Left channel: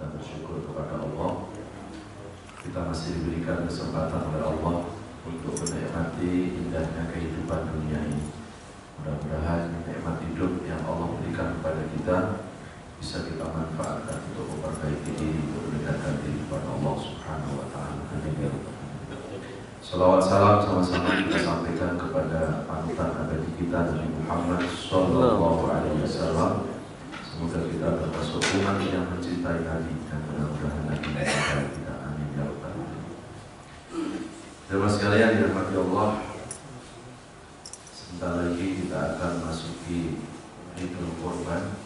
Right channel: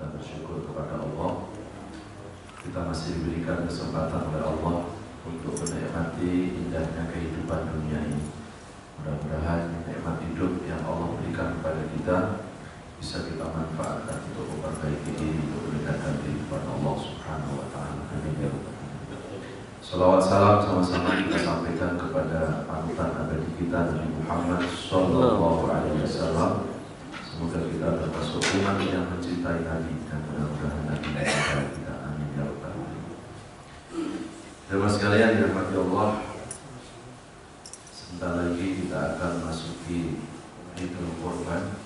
kita bersyukur kepada Allah. Kita masih diberikan kesempatan oleh Allah untuk menikmati indahnya kehidupan dunia ini. Mudah-mudahan nikmat hidup yang Allah berikan kepada kita bisa kita manfaatkan untuk memperbaiki diri, untuk mendekatkan diri kepada Allah Subhanahu wa Ta'ala. Amin. Salawat salam sama-sama kita sampaikan kepada panutan abadi kita Nabi Muhammad Sallallahu Alaihi Wasallam. Semoga kita termasuk umat yang mencintai Nabi dan mudah-mudahan Nabi mencintai kita. Amin ya rabbal alamin. Jemaah sekalian dirahmati Allah, sebentar lagi kita akan masuki Idul Kurban.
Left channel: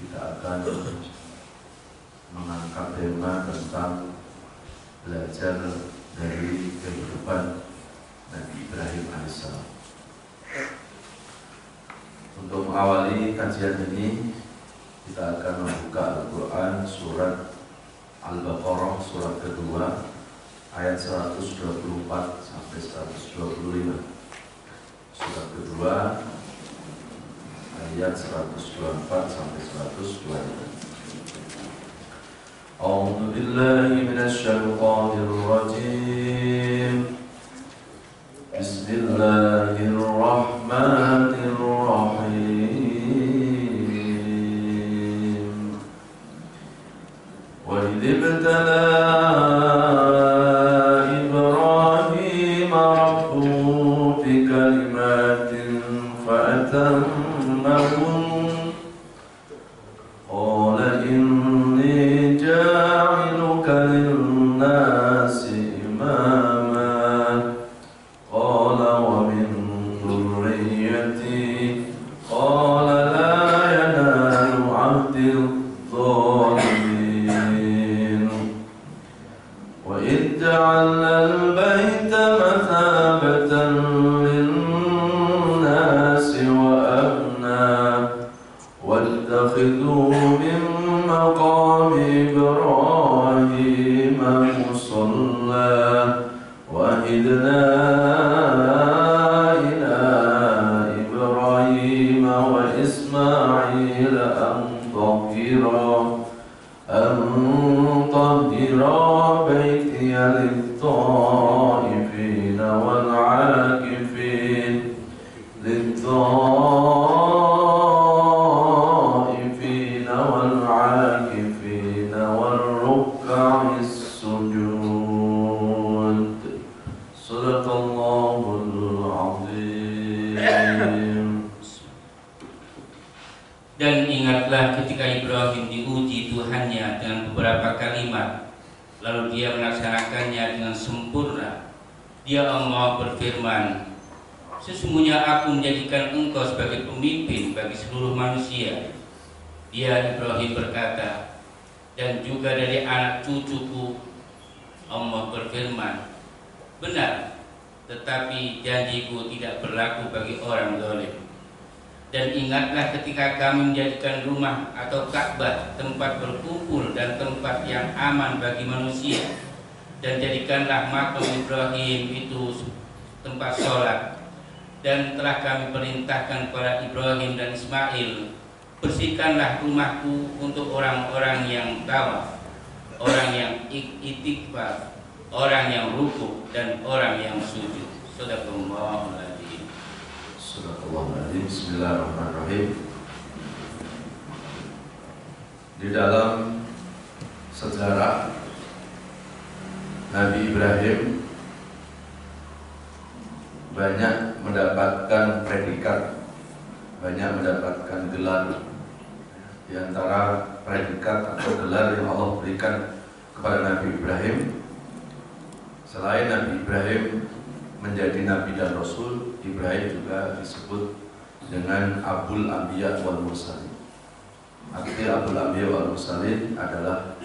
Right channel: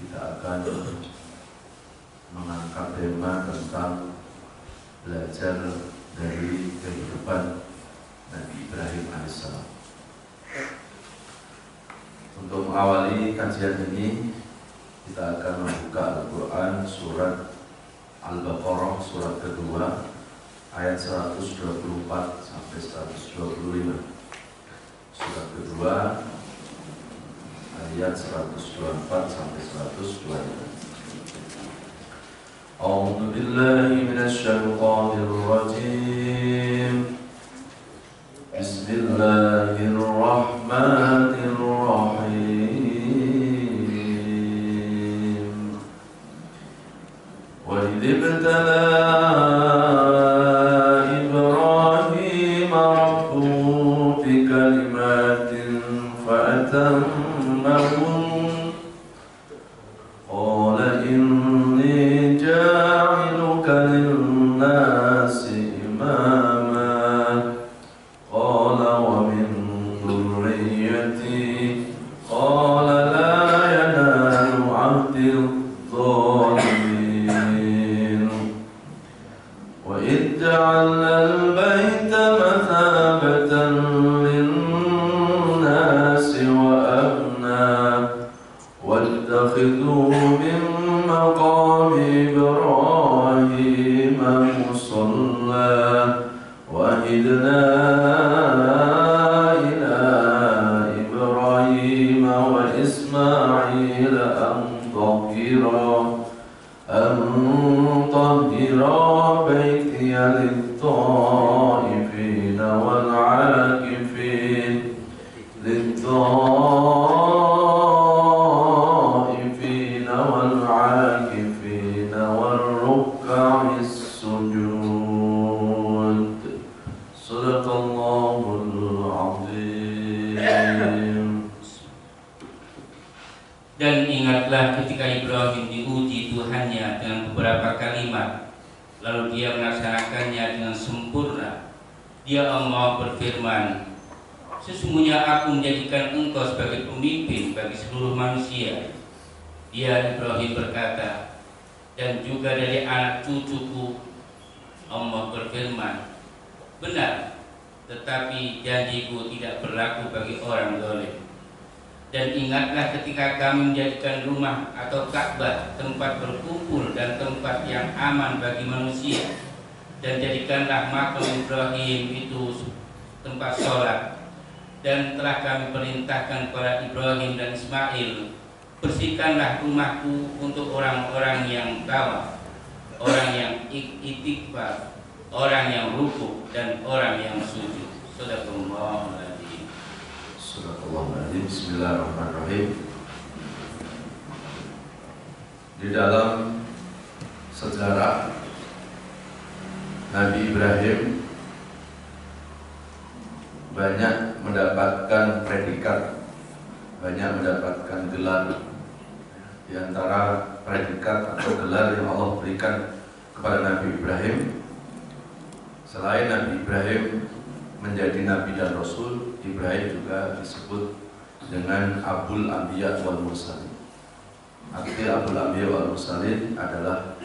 Kita akan mengangkat tema tentang belajar dari kehidupan Nabi Ibrahim alaihissalam. Untuk mengawali kajian ini, kita akan membuka Al-Quran surat Al-Baqarah surat kedua ayat 124 sampai 125. Surat kedua ayat 124 sampai 125. A'udzu billahi minasy syaithanir rajim. Bismillahirrahmanirrahim. Wa idh ibtala Ibrahim rabbuhu bikalimatin fa'atammahun. Qala inni ja'iluka lin-nasi imama. Qala wa min dhurriyyati. Qala la yanalu 'ahdil dhalimin. Wa idh ja'alna al-bayta mathabatan lin-nasi wa amna. واتخذوا من مقام إبراهيم مصلى وعهدنا إلى إبراهيم وإسماعيل أن طهرا بيتي للطائفين والعاكفين والعاكفين والركع السجود. صدق الله العظيم. Dan ingatlah ketika Ibrahim diuji Tuhannya dengan beberapa kalimat, lalu dia melaksanakannya dengan sempurna. Dia Allah berfirman, sesungguhnya aku menjadikan engkau sebagai pemimpin bagi seluruh manusia. Dia Ibrahim berkata, dan juga dari anak cucuku. Allah berfirman, benar, tetapi janjiku tidak berlaku bagi orang zalim. Dan ingatlah ketika kami menjadikan rumah atau Ka'bah tempat berkumpul dan tempat yang aman bagi manusia, dan jadikanlah makam Ibrahim itu tempat sholat. Dan telah kami perintahkan kepada Ibrahim dan Ismail, bersihkanlah rumahku untuk orang-orang yang tawaf, orang yang itikaf, orang yang rukuk, dan orang yang sujud. Sadaqallahul adzim. Sadaqallahul adzim. Bismillahirrahmanirrahim. Di dalam sejarah Nabi Ibrahim banyak mendapatkan predikat, banyak mendapatkan gelar. Di antara predikat atau gelar yang Allah berikan kepada Nabi Ibrahim, selain Nabi Ibrahim menjadi Nabi dan Rasul, Ibrahim juga disebut dengan Abul Anbiya wal Mursalin. Arti Abul Anbiya wal Mursalin adalah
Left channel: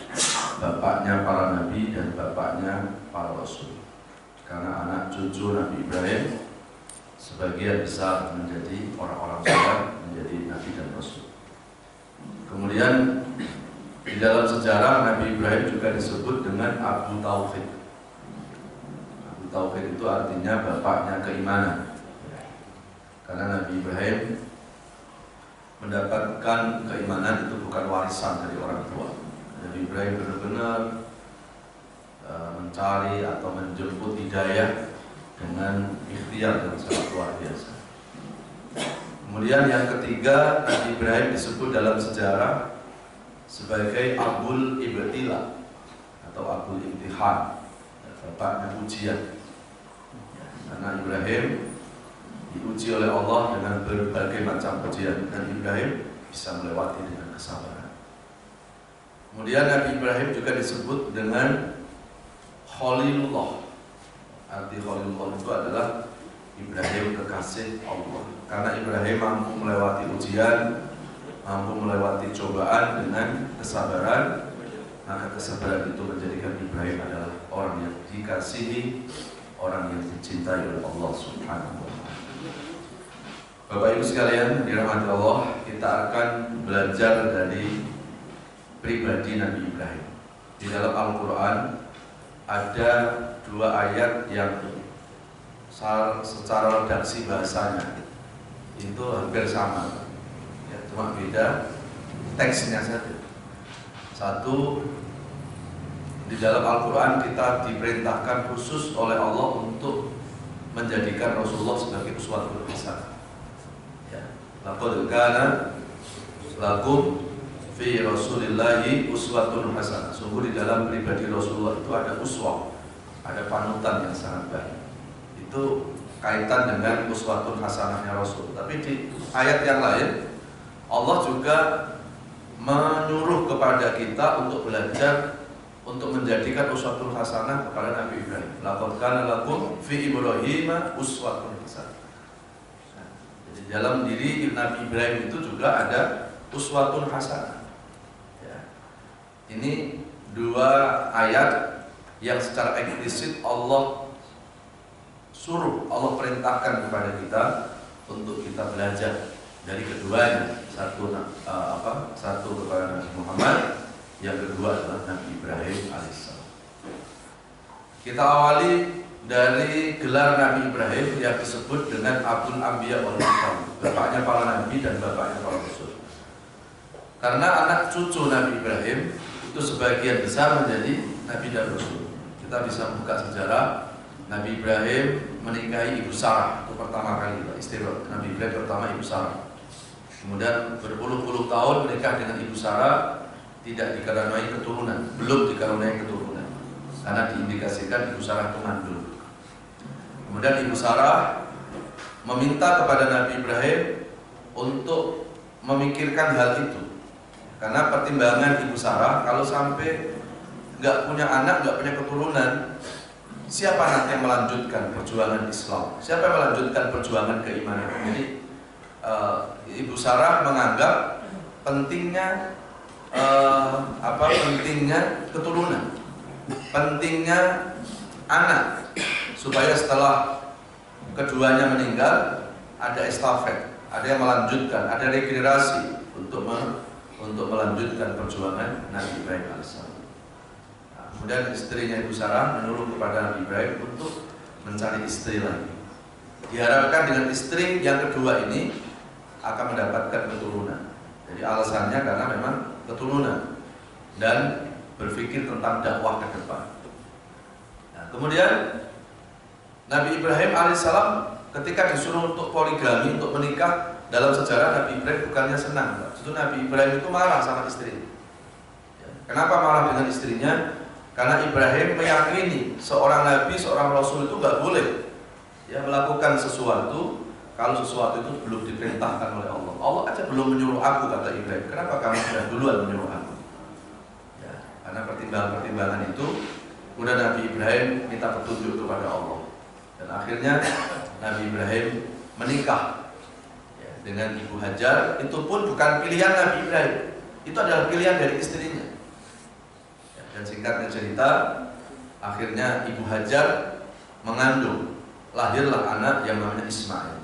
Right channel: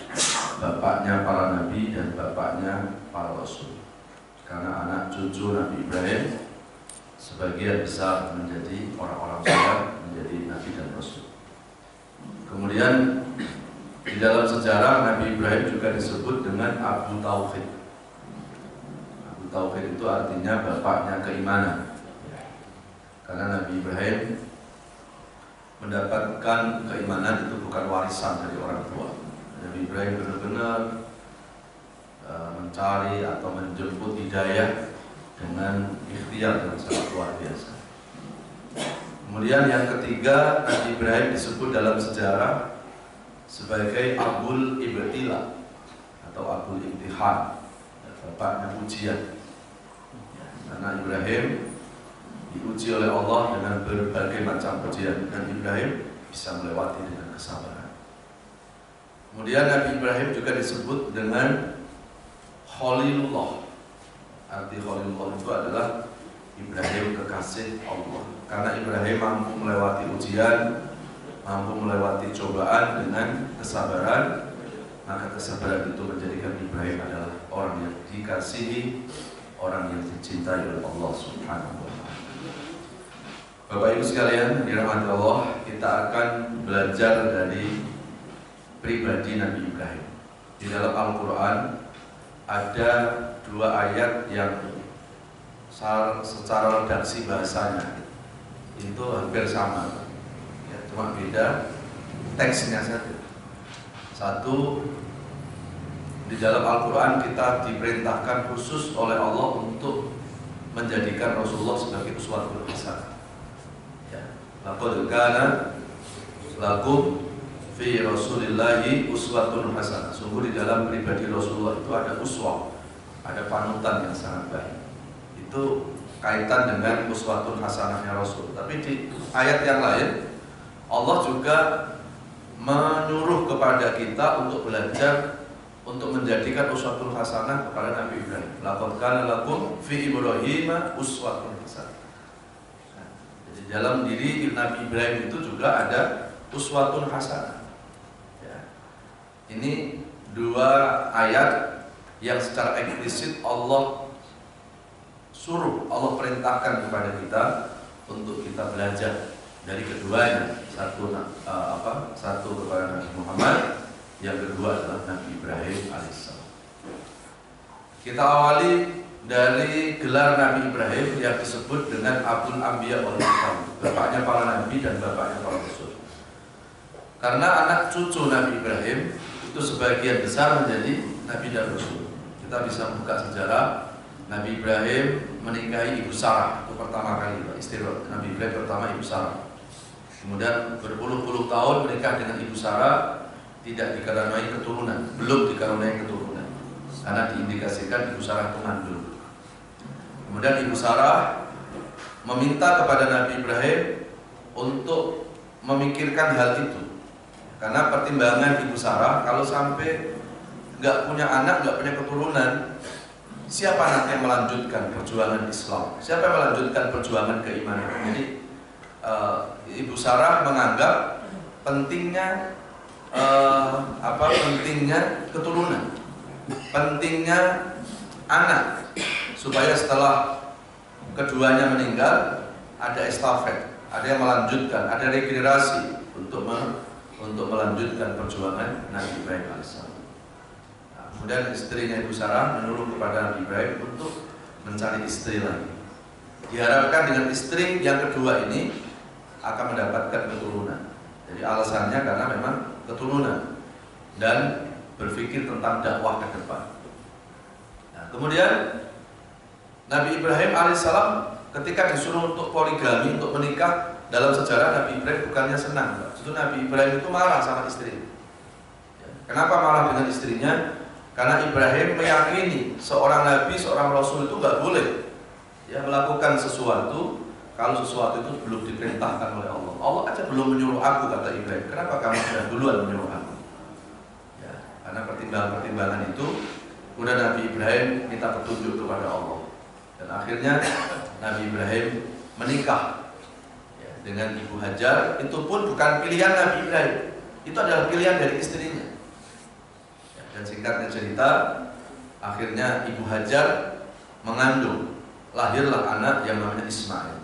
bapaknya para nabi dan bapaknya para rasul. Karena anak cucu Nabi Ibrahim sebagian besar menjadi orang-orang soleh, menjadi nabi dan rasul. Kemudian di dalam sejarah Nabi Ibrahim juga disebut dengan Abu Tauhid. Abu Tauhid itu artinya bapaknya keimanan. Karena Nabi Ibrahim mendapatkan keimanan itu bukan warisan dari orang tua, Nabi Ibrahim benar-benar mencari atau menjemput hidayah dengan ikhtiar yang sangat luar biasa. Kemudian yang ketiga, Nabi Ibrahim disebut dalam sejarah sebagai Abul Ibtila atau Abul Imtihan, bapaknya ujian. Karena Ibrahim diuji oleh Allah dengan berbagai macam ujian, dan Ibrahim bisa melewati dengan kesabaran. Kemudian Nabi Ibrahim juga disebut dengan Khalilullah. Arti Khalilullah itu adalah Ibrahim kekasih Allah. Karena Ibrahim mampu melewati ujian, mampu melewati cobaan dengan kesabaran, maka kesabaran itu menjadikan Ibrahim adalah orang yang dikasihi, orang yang dicintai oleh Allah Subhanahu wa Ta'ala. Bapak Ibu sekalian, dirahmati Allah, kita akan belajar dari pribadi Nabi Ibrahim. Di dalam Al-Quran ada dua ayat yang secara redaksi bahasanya itu hampir sama, ya, cuma beda teksnya saja. Satu, di dalam Al-Quran kita diperintahkan khusus oleh Allah untuk menjadikan Rasulullah sebagai uswatun hasanah. Ya, laqad kana lakum fi Rasulillahi uswatun hasanah. Sungguh di dalam pribadi Rasulullah itu ada uswah, ada panutan yang sangat baik. Itu kaitan dengan uswatun hasanahnya Rasul. Tapi di ayat yang lain Allah juga menyuruh kepada kita untuk belajar untuk menjadikan uswatun hasanah kepada Nabi Ibrahim. Laqad kana lakum fi Ibrahim uswatun hasanah. Jadi dalam diri Nabi Ibrahim itu juga ada uswatun hasanah. Ya. Ini dua ayat yang secara eksplisit Allah suruh, Allah perintahkan kepada kita untuk kita belajar dari keduanya. Satu kepada Nabi Muhammad, yang kedua adalah Nabi Ibrahim alaihissalam. Kita awali dari gelar Nabi Ibrahim yang disebut dengan Abul Anbiya wal Mursal, bapaknya para nabi dan bapaknya para rasul. Karena anak cucu Nabi Ibrahim itu sebagian besar menjadi nabi dan rasul. Kita bisa buka sejarah. Nabi Ibrahim menikahi Ibu Sarah, itu pertama kali istri Nabi Ibrahim pertama Ibu Sarah. Kemudian berpuluh-puluh tahun menikah dengan Ibu Sarah, tidak dikaruniai keturunan, belum dikaruniai keturunan, karena diindikasikan Ibu Sarah itu mandul. Kemudian Ibu Sarah meminta kepada Nabi Ibrahim untuk memikirkan hal itu, karena pertimbangan Ibu Sarah kalau sampai nggak punya anak, nggak punya keturunan, siapa nanti yang melanjutkan perjuangan Islam? Siapa yang melanjutkan perjuangan keimanan? Jadi Ibu Sarah menganggap pentingnya pentingnya keturunan, pentingnya anak, supaya setelah keduanya meninggal ada estafet, ada yang melanjutkan, ada regenerasi untuk melanjutkan perjuangan Nabi Ibrahim alaihissalam. Kemudian istrinya Ibu Sarah menyuruh kepada Nabi Ibrahim untuk mencari istri lagi. Diharapkan dengan istri yang kedua ini akan mendapatkan keturunan. Jadi alasannya karena memang keturunan dan berpikir tentang dakwah ke depan. Nah, kemudian Nabi Ibrahim alaihissalam ketika disuruh untuk poligami, untuk menikah, dalam sejarah Nabi Ibrahim bukannya senang. Justru Nabi Ibrahim itu marah sama istri. Kenapa marah dengan istrinya? Karena Ibrahim meyakini seorang nabi, seorang rasul itu nggak boleh ya melakukan sesuatu kalau sesuatu itu belum diperintahkan oleh Allah. Allah aja belum menyuruh aku, kata Ibrahim. Kenapa kamu sudah duluan menyuruh aku? Ya, karena pertimbangan-pertimbangan itu, kemudian Nabi Ibrahim minta petunjuk kepada Allah. Dan akhirnya Nabi Ibrahim menikah ya, dengan Ibu Hajar. Itu pun bukan pilihan Nabi Ibrahim, itu adalah pilihan dari istrinya. Dan singkatnya cerita, akhirnya Ibu Hajar mengandung, lahirlah anak yang namanya Ismail.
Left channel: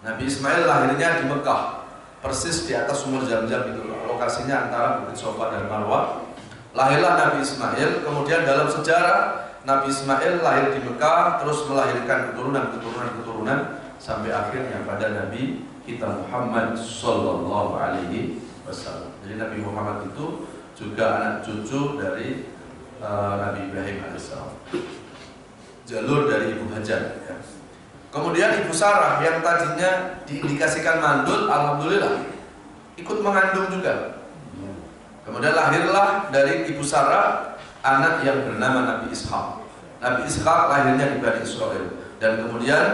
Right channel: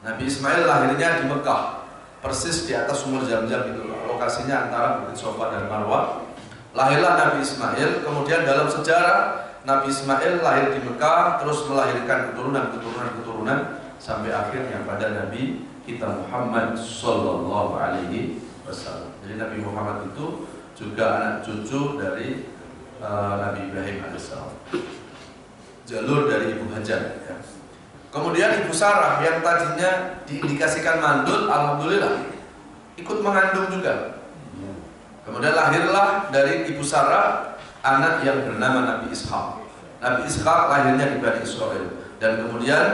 Nabi Ismail lahirnya di Mekah, persis di atas sumur Zam-Zam itu, lokasinya antara Bukit Sofa dan Marwah. Lahirlah Nabi Ismail. Kemudian dalam sejarah Nabi Ismail lahir di Mekah, terus melahirkan keturunan sampai akhirnya pada Nabi kita Muhammad Sallallahu Alaihi Wasallam. Jadi Nabi Muhammad itu juga anak cucu dari Nabi Ibrahim alaihissalam. Jalur dari Ibu Hajar. Ya. Kemudian Ibu Sarah yang tadinya diindikasikan mandul, alhamdulillah ikut mengandung juga. Kemudian lahirlah dari Ibu Sarah anak yang bernama Nabi Ishak. Nabi Ishak lahirnya di Bani Israel, dan kemudian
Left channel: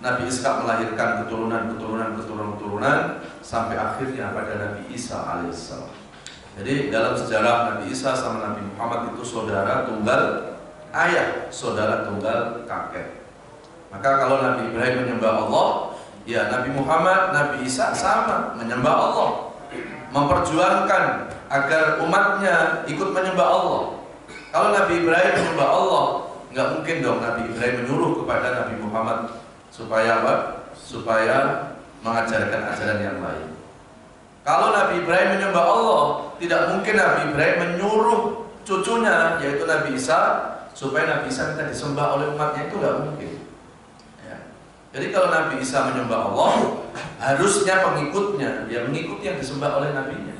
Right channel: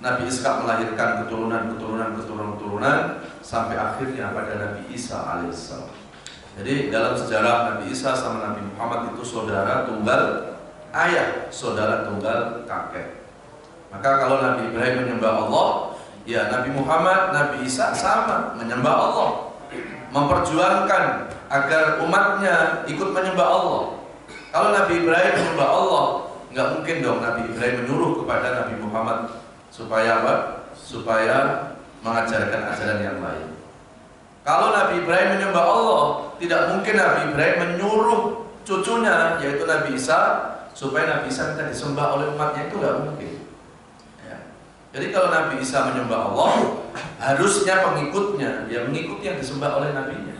Nabi Ishak melahirkan keturunan sampai akhirnya pada Nabi Isa alaihissalam. Jadi dalam sejarah Nabi Isa sama Nabi Muhammad itu saudara tunggal ayah, saudara tunggal kakek. Maka kalau Nabi Ibrahim menyembah Allah, ya Nabi Muhammad, Nabi Isa sama menyembah Allah, memperjuangkan agar umatnya ikut menyembah Allah. Kalau Nabi Ibrahim menyembah Allah, nggak mungkin dong Nabi Ibrahim menyuruh kepada Nabi Muhammad supaya apa? Supaya mengajarkan ajaran yang lain. Kalau Nabi Ibrahim menyembah Allah, tidak mungkin Nabi Ibrahim menyuruh cucunya, yaitu Nabi Isa, supaya Nabi Isa minta disembah oleh umatnya, itu nggak mungkin. Ya. Jadi kalau Nabi Isa menyembah Allah, harusnya pengikutnya ya mengikuti yang disembah oleh Nabinya.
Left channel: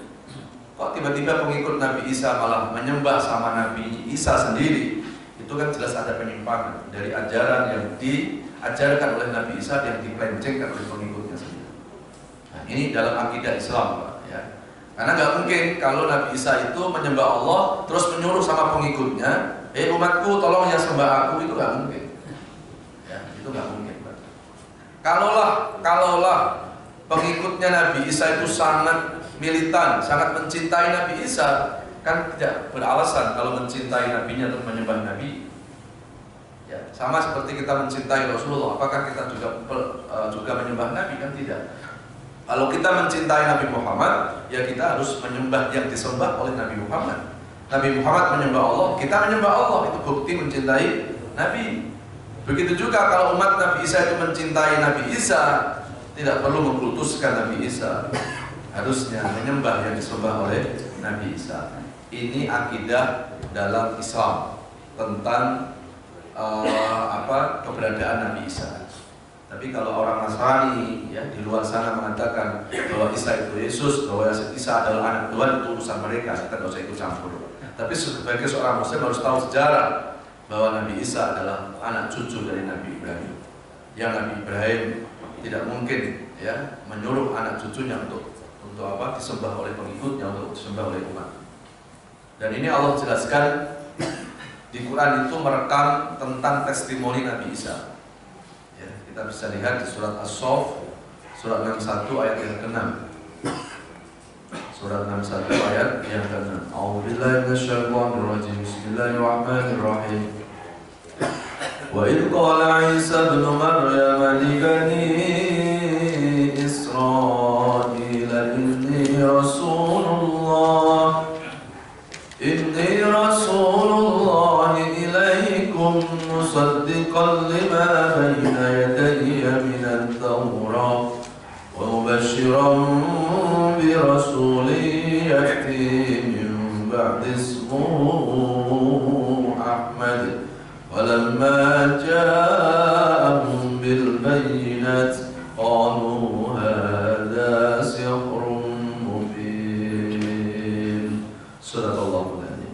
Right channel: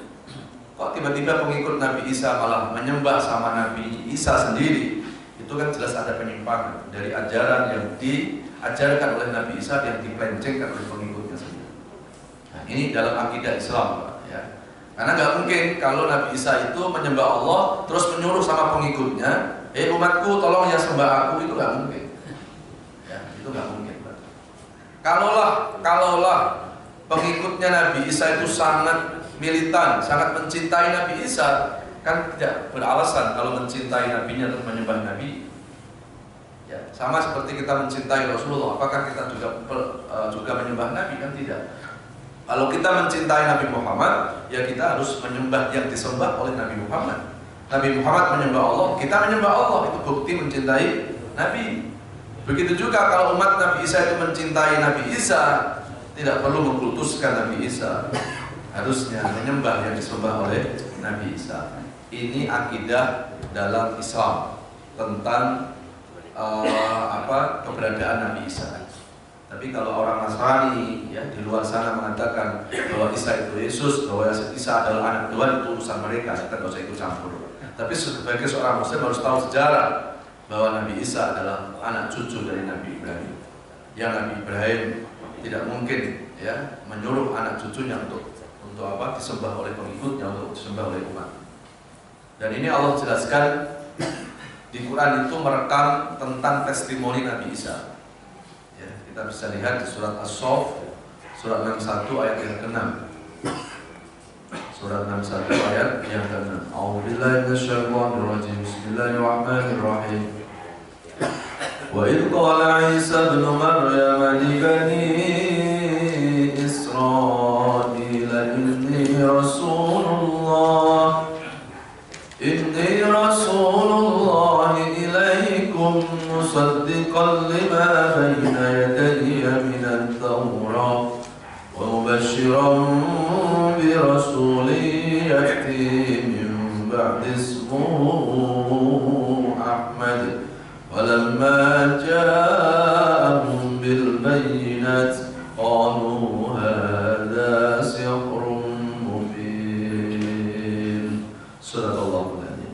Kok tiba-tiba pengikut Nabi Isa malah menyembah sama Nabi Isa sendiri? Itu kan jelas ada penyimpangan dari ajaran yang diajarkan oleh Nabi Isa yang dipelencengkan oleh pengikutnya sendiri. Nah, ini dalam akidah Islam, Pak, ya. Karena nggak mungkin kalau Nabi Isa itu menyembah Allah terus menyuruh sama pengikutnya, umatku tolong ya sembah aku, itu nggak mungkin. Ya, itu nggak mungkin, Pak. Kalaulah pengikutnya Nabi Isa itu sangat militan, sangat mencintai Nabi Isa, kan tidak beralasan kalau mencintai nabinya terus menyembah nabi. Ya, sama seperti kita mencintai Rasulullah, apakah kita juga menyembah nabi? Kan tidak. Kalau kita mencintai Nabi Muhammad, ya kita harus menyembah yang disembah oleh Nabi Muhammad. Nabi Muhammad menyembah Allah, kita menyembah Allah, itu bukti mencintai Nabi. Begitu juga kalau umat Nabi Isa itu mencintai Nabi Isa, tidak perlu mengkultuskan Nabi Isa, harusnya menyembah yang disembah oleh Nabi Isa. Ini akidah dalam Islam tentang keberadaan Nabi Isa. Tapi kalau orang Nasrani ya di luar sana mengatakan bahwa Isa itu Yesus, bahwa Isa adalah anak Tuhan, itu urusan mereka, kita tidak usah ikut campur. Tapi sebagai seorang Muslim harus tahu sejarah bahwa Nabi Isa adalah anak cucu dari Nabi Ibrahim. Yang Nabi Ibrahim tidak mungkin ya menyuruh anak cucunya untuk disembah oleh pengikutnya, untuk disembah oleh umat. Dan ini Allah jelaskan di Quran itu merekam tentang testimoni Nabi Isa. Ya, kita bisa lihat di surat As-Saff, surat 61 ayat yang ke-6. Surat 61 ayat yang ke-6. A'udzubillahi minasyaitonirrajim. Bismillahirrahmanirrahim. Wa idh qala Isa ibn Maryam li bani Israil inni Rasulullah ilaikum musaddiqan lima bayna yadayya minat Tawrah wa mubashiran bi rasulin ya'ti min ba'di ismuhu Ahmad walamma ja'ahum bil bayyinat qalu hadha sihrun mubin. Sadaqallahu alazim.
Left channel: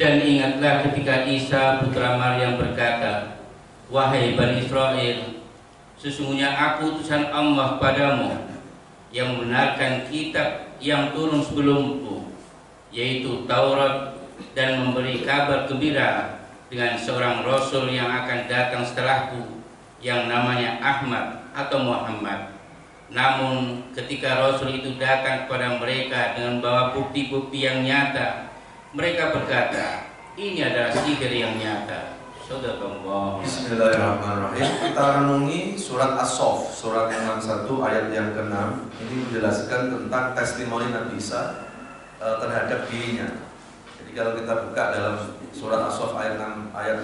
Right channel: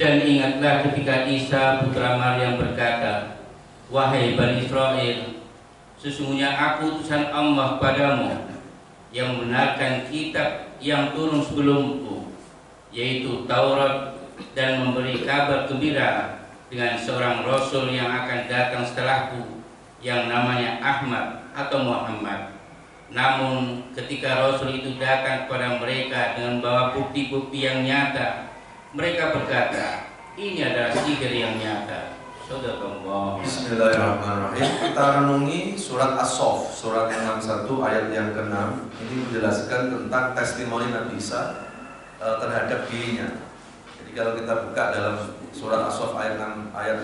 Dan ingatlah ketika Isa putra Maryam berkata, wahai Bani Israel, sesungguhnya aku utusan Allah padamu yang membenarkan kitab yang turun sebelumku, yaitu Taurat, dan memberi kabar gembira dengan seorang Rasul yang akan datang setelahku, yang namanya Ahmad atau Muhammad. Namun ketika Rasul itu datang kepada mereka dengan membawa bukti-bukti yang nyata, mereka berkata, ini adalah sihir yang nyata. Sadaqallah. Bismillahirrahmanirrahim. Kita renungi surat As-Saff, surat yang 61 ayat yang ke-6. Ini menjelaskan tentang testimoni Nabi Isa terhadap dirinya. Jadi kalau kita buka dalam surat As-Saff ayat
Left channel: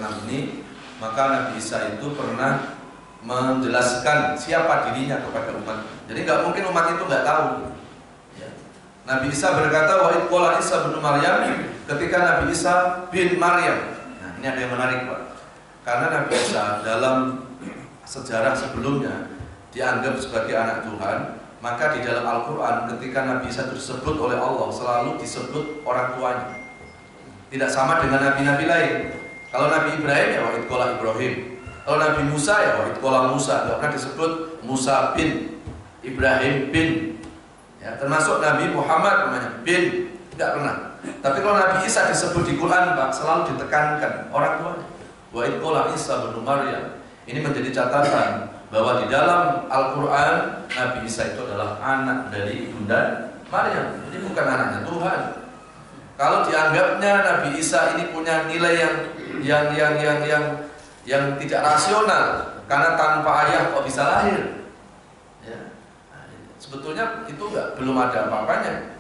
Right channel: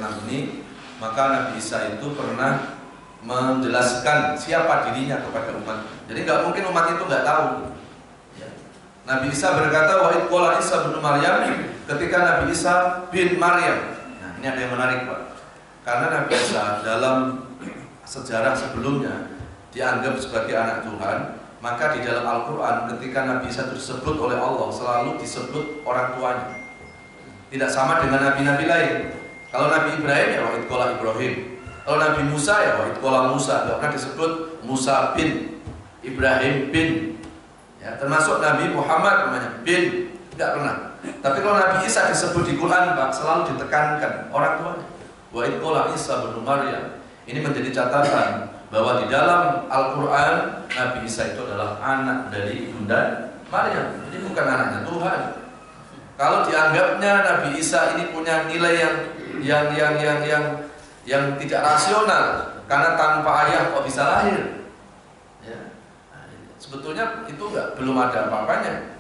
6 ini, maka Nabi Isa itu pernah menjelaskan siapa dirinya kepada umat. Jadi nggak mungkin umat itu nggak tahu. Ya. Nabi Isa berkata, wa idh qala Isa bin Maryam, ketika Nabi Isa bin Maryam. Nah, ini ada yang menarik, Pak. Karena Nabi Isa dalam sejarah sebelumnya dianggap sebagai anak Tuhan, maka di dalam Al-Quran ketika Nabi Isa disebut oleh Allah selalu disebut orang tuanya. Tidak sama dengan nabi-nabi lain. Kalau Nabi Ibrahim ya wa idh qala Ibrahim. Kalau Nabi Musa ya wa idh qala Musa. Tidak pernah disebut Musa bin, Ibrahim bin. Ya, termasuk Nabi Muhammad namanya bin, tidak pernah. Tapi kalau Nabi Isa disebut di Quran Pak, selalu ditekankan orang tuanya. Wa idh qala Isa bin Maryam. Ini menjadi catatan bahwa di dalam Al-Quran Nabi Isa itu adalah anak dari Ibunda Maryam. Jadi bukan anaknya Tuhan. Kalau dianggapnya Nabi Isa ini punya nilai yang tidak rasional karena tanpa ayah kok bisa lahir, ya. Nah, sebetulnya itu belum ada apa-apanya.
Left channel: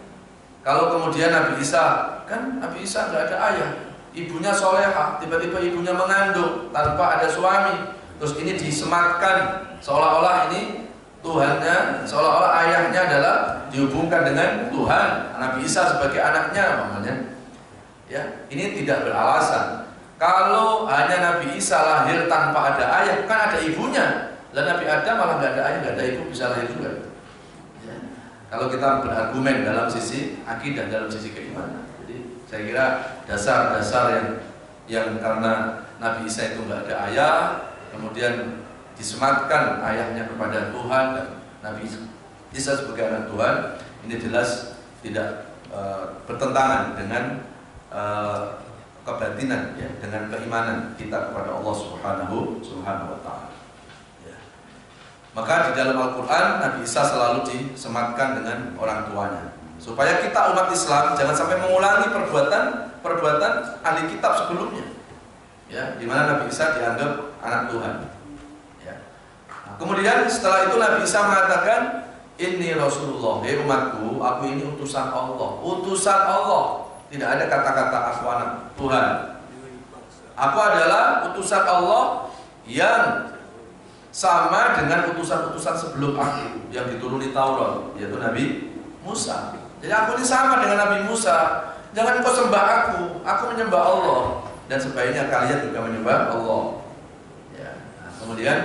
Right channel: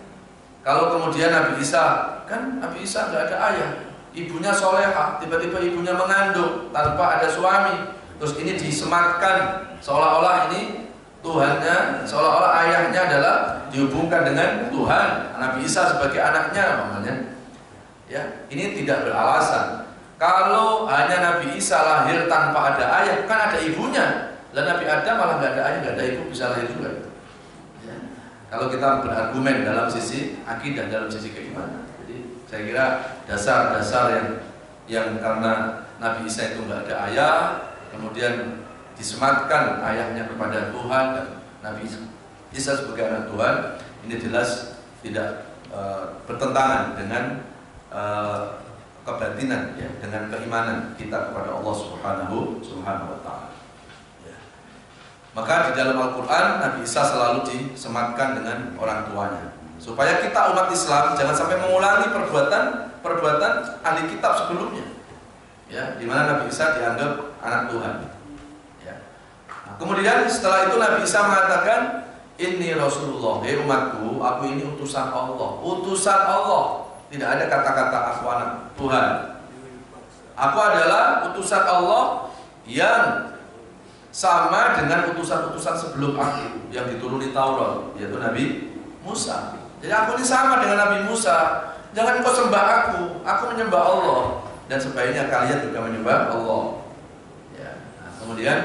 Kalau kemudian Nabi Isa, kan Nabi Isa nggak ada ayah, ibunya solehah, tiba-tiba ibunya mengandung tanpa ada suami. Terus ini disematkan seolah-olah ini Tuhannya, seolah-olah ayahnya adalah dihubungkan dengan Tuhan, Nabi Isa sebagai anaknya namanya. Ya, ini tidak beralasan. Kalau hanya Nabi Isa lahir tanpa ada ayah, kan ada ibunya. Dan Nabi Adam malah nggak ada ayah, nggak ada ibu, bisa lahir juga. Ya. Kalau kita berargumen dalam sisi akidah, dalam sisi keimanan. Jadi saya kira dasar-dasar yang karena Nabi Isa itu nggak ada ayah, kemudian disematkan ayahnya kepada Tuhan dan Nabi Isa sebagai anak Tuhan, ini jelas tidak bertentangan dengan kebatinan, ya, dengan keimanan kita kepada Allah Subhanahu wa Ta'ala. Ya. Maka di dalam Al-Quran Nabi Isa selalu disematkan dengan orang tuanya, supaya kita umat Islam jangan sampai mengulangi perbuatan ahli kitab sebelumnya, ya, di mana Nabi Isa dianggap anak Tuhan. Kemudian setelah itu Nabi Isa mengatakan, Inni Rasulullah, hei umatku, aku ini utusan Allah. Utusan Allah. Tidak ada kata-kata aku anak Tuhan. Aku adalah utusan Allah yang sama dengan utusan-utusan sebelum aku yang dituruni Taurat, yaitu Nabi Musa. Jadi aku ini sama dengan Nabi Musa. Jangan kau sembah aku menyembah Allah. Dan sebaiknya kalian juga menyembah Allah. Ya. Nah, kemudian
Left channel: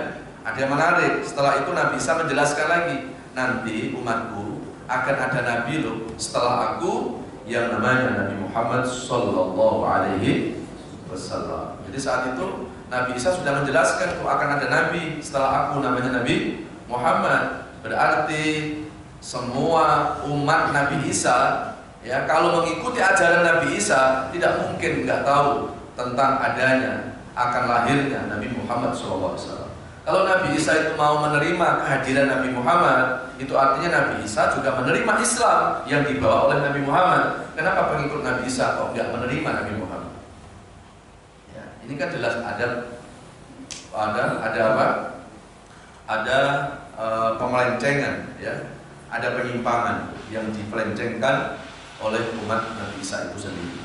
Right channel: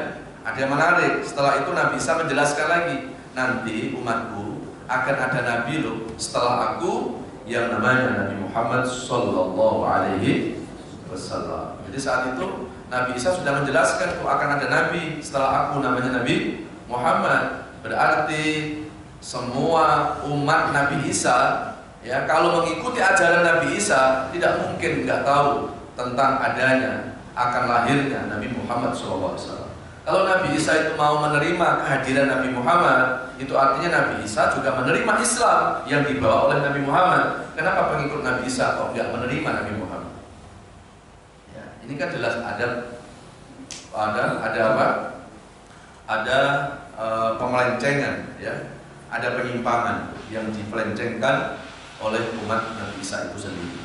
ada yang menarik, setelah itu Nabi Isa menjelaskan lagi, nanti umatku akan ada nabi loh setelah aku yang namanya Nabi Muhammad Sallallahu Alaihi Wasallam. Jadi saat itu Nabi Isa sudah menjelaskan tuh akan ada nabi setelah aku namanya Nabi Muhammad. Berarti semua umat Nabi Isa, ya, kalau mengikuti ajaran Nabi Isa tidak mungkin nggak tahu tentang adanya akan lahirnya Nabi Muhammad SAW. Kalau Nabi Isa itu mau menerima kehadiran Nabi Muhammad, itu artinya Nabi Isa juga menerima Islam yang dibawa oleh Nabi Muhammad. Kenapa pengikut Nabi Isa kok nggak menerima Nabi Muhammad? Ya, ini kan jelas ada apa? Ada pemelencengan, ya, ada penyimpangan yang dipelencengkan oleh umat Nabi Isa itu sendiri.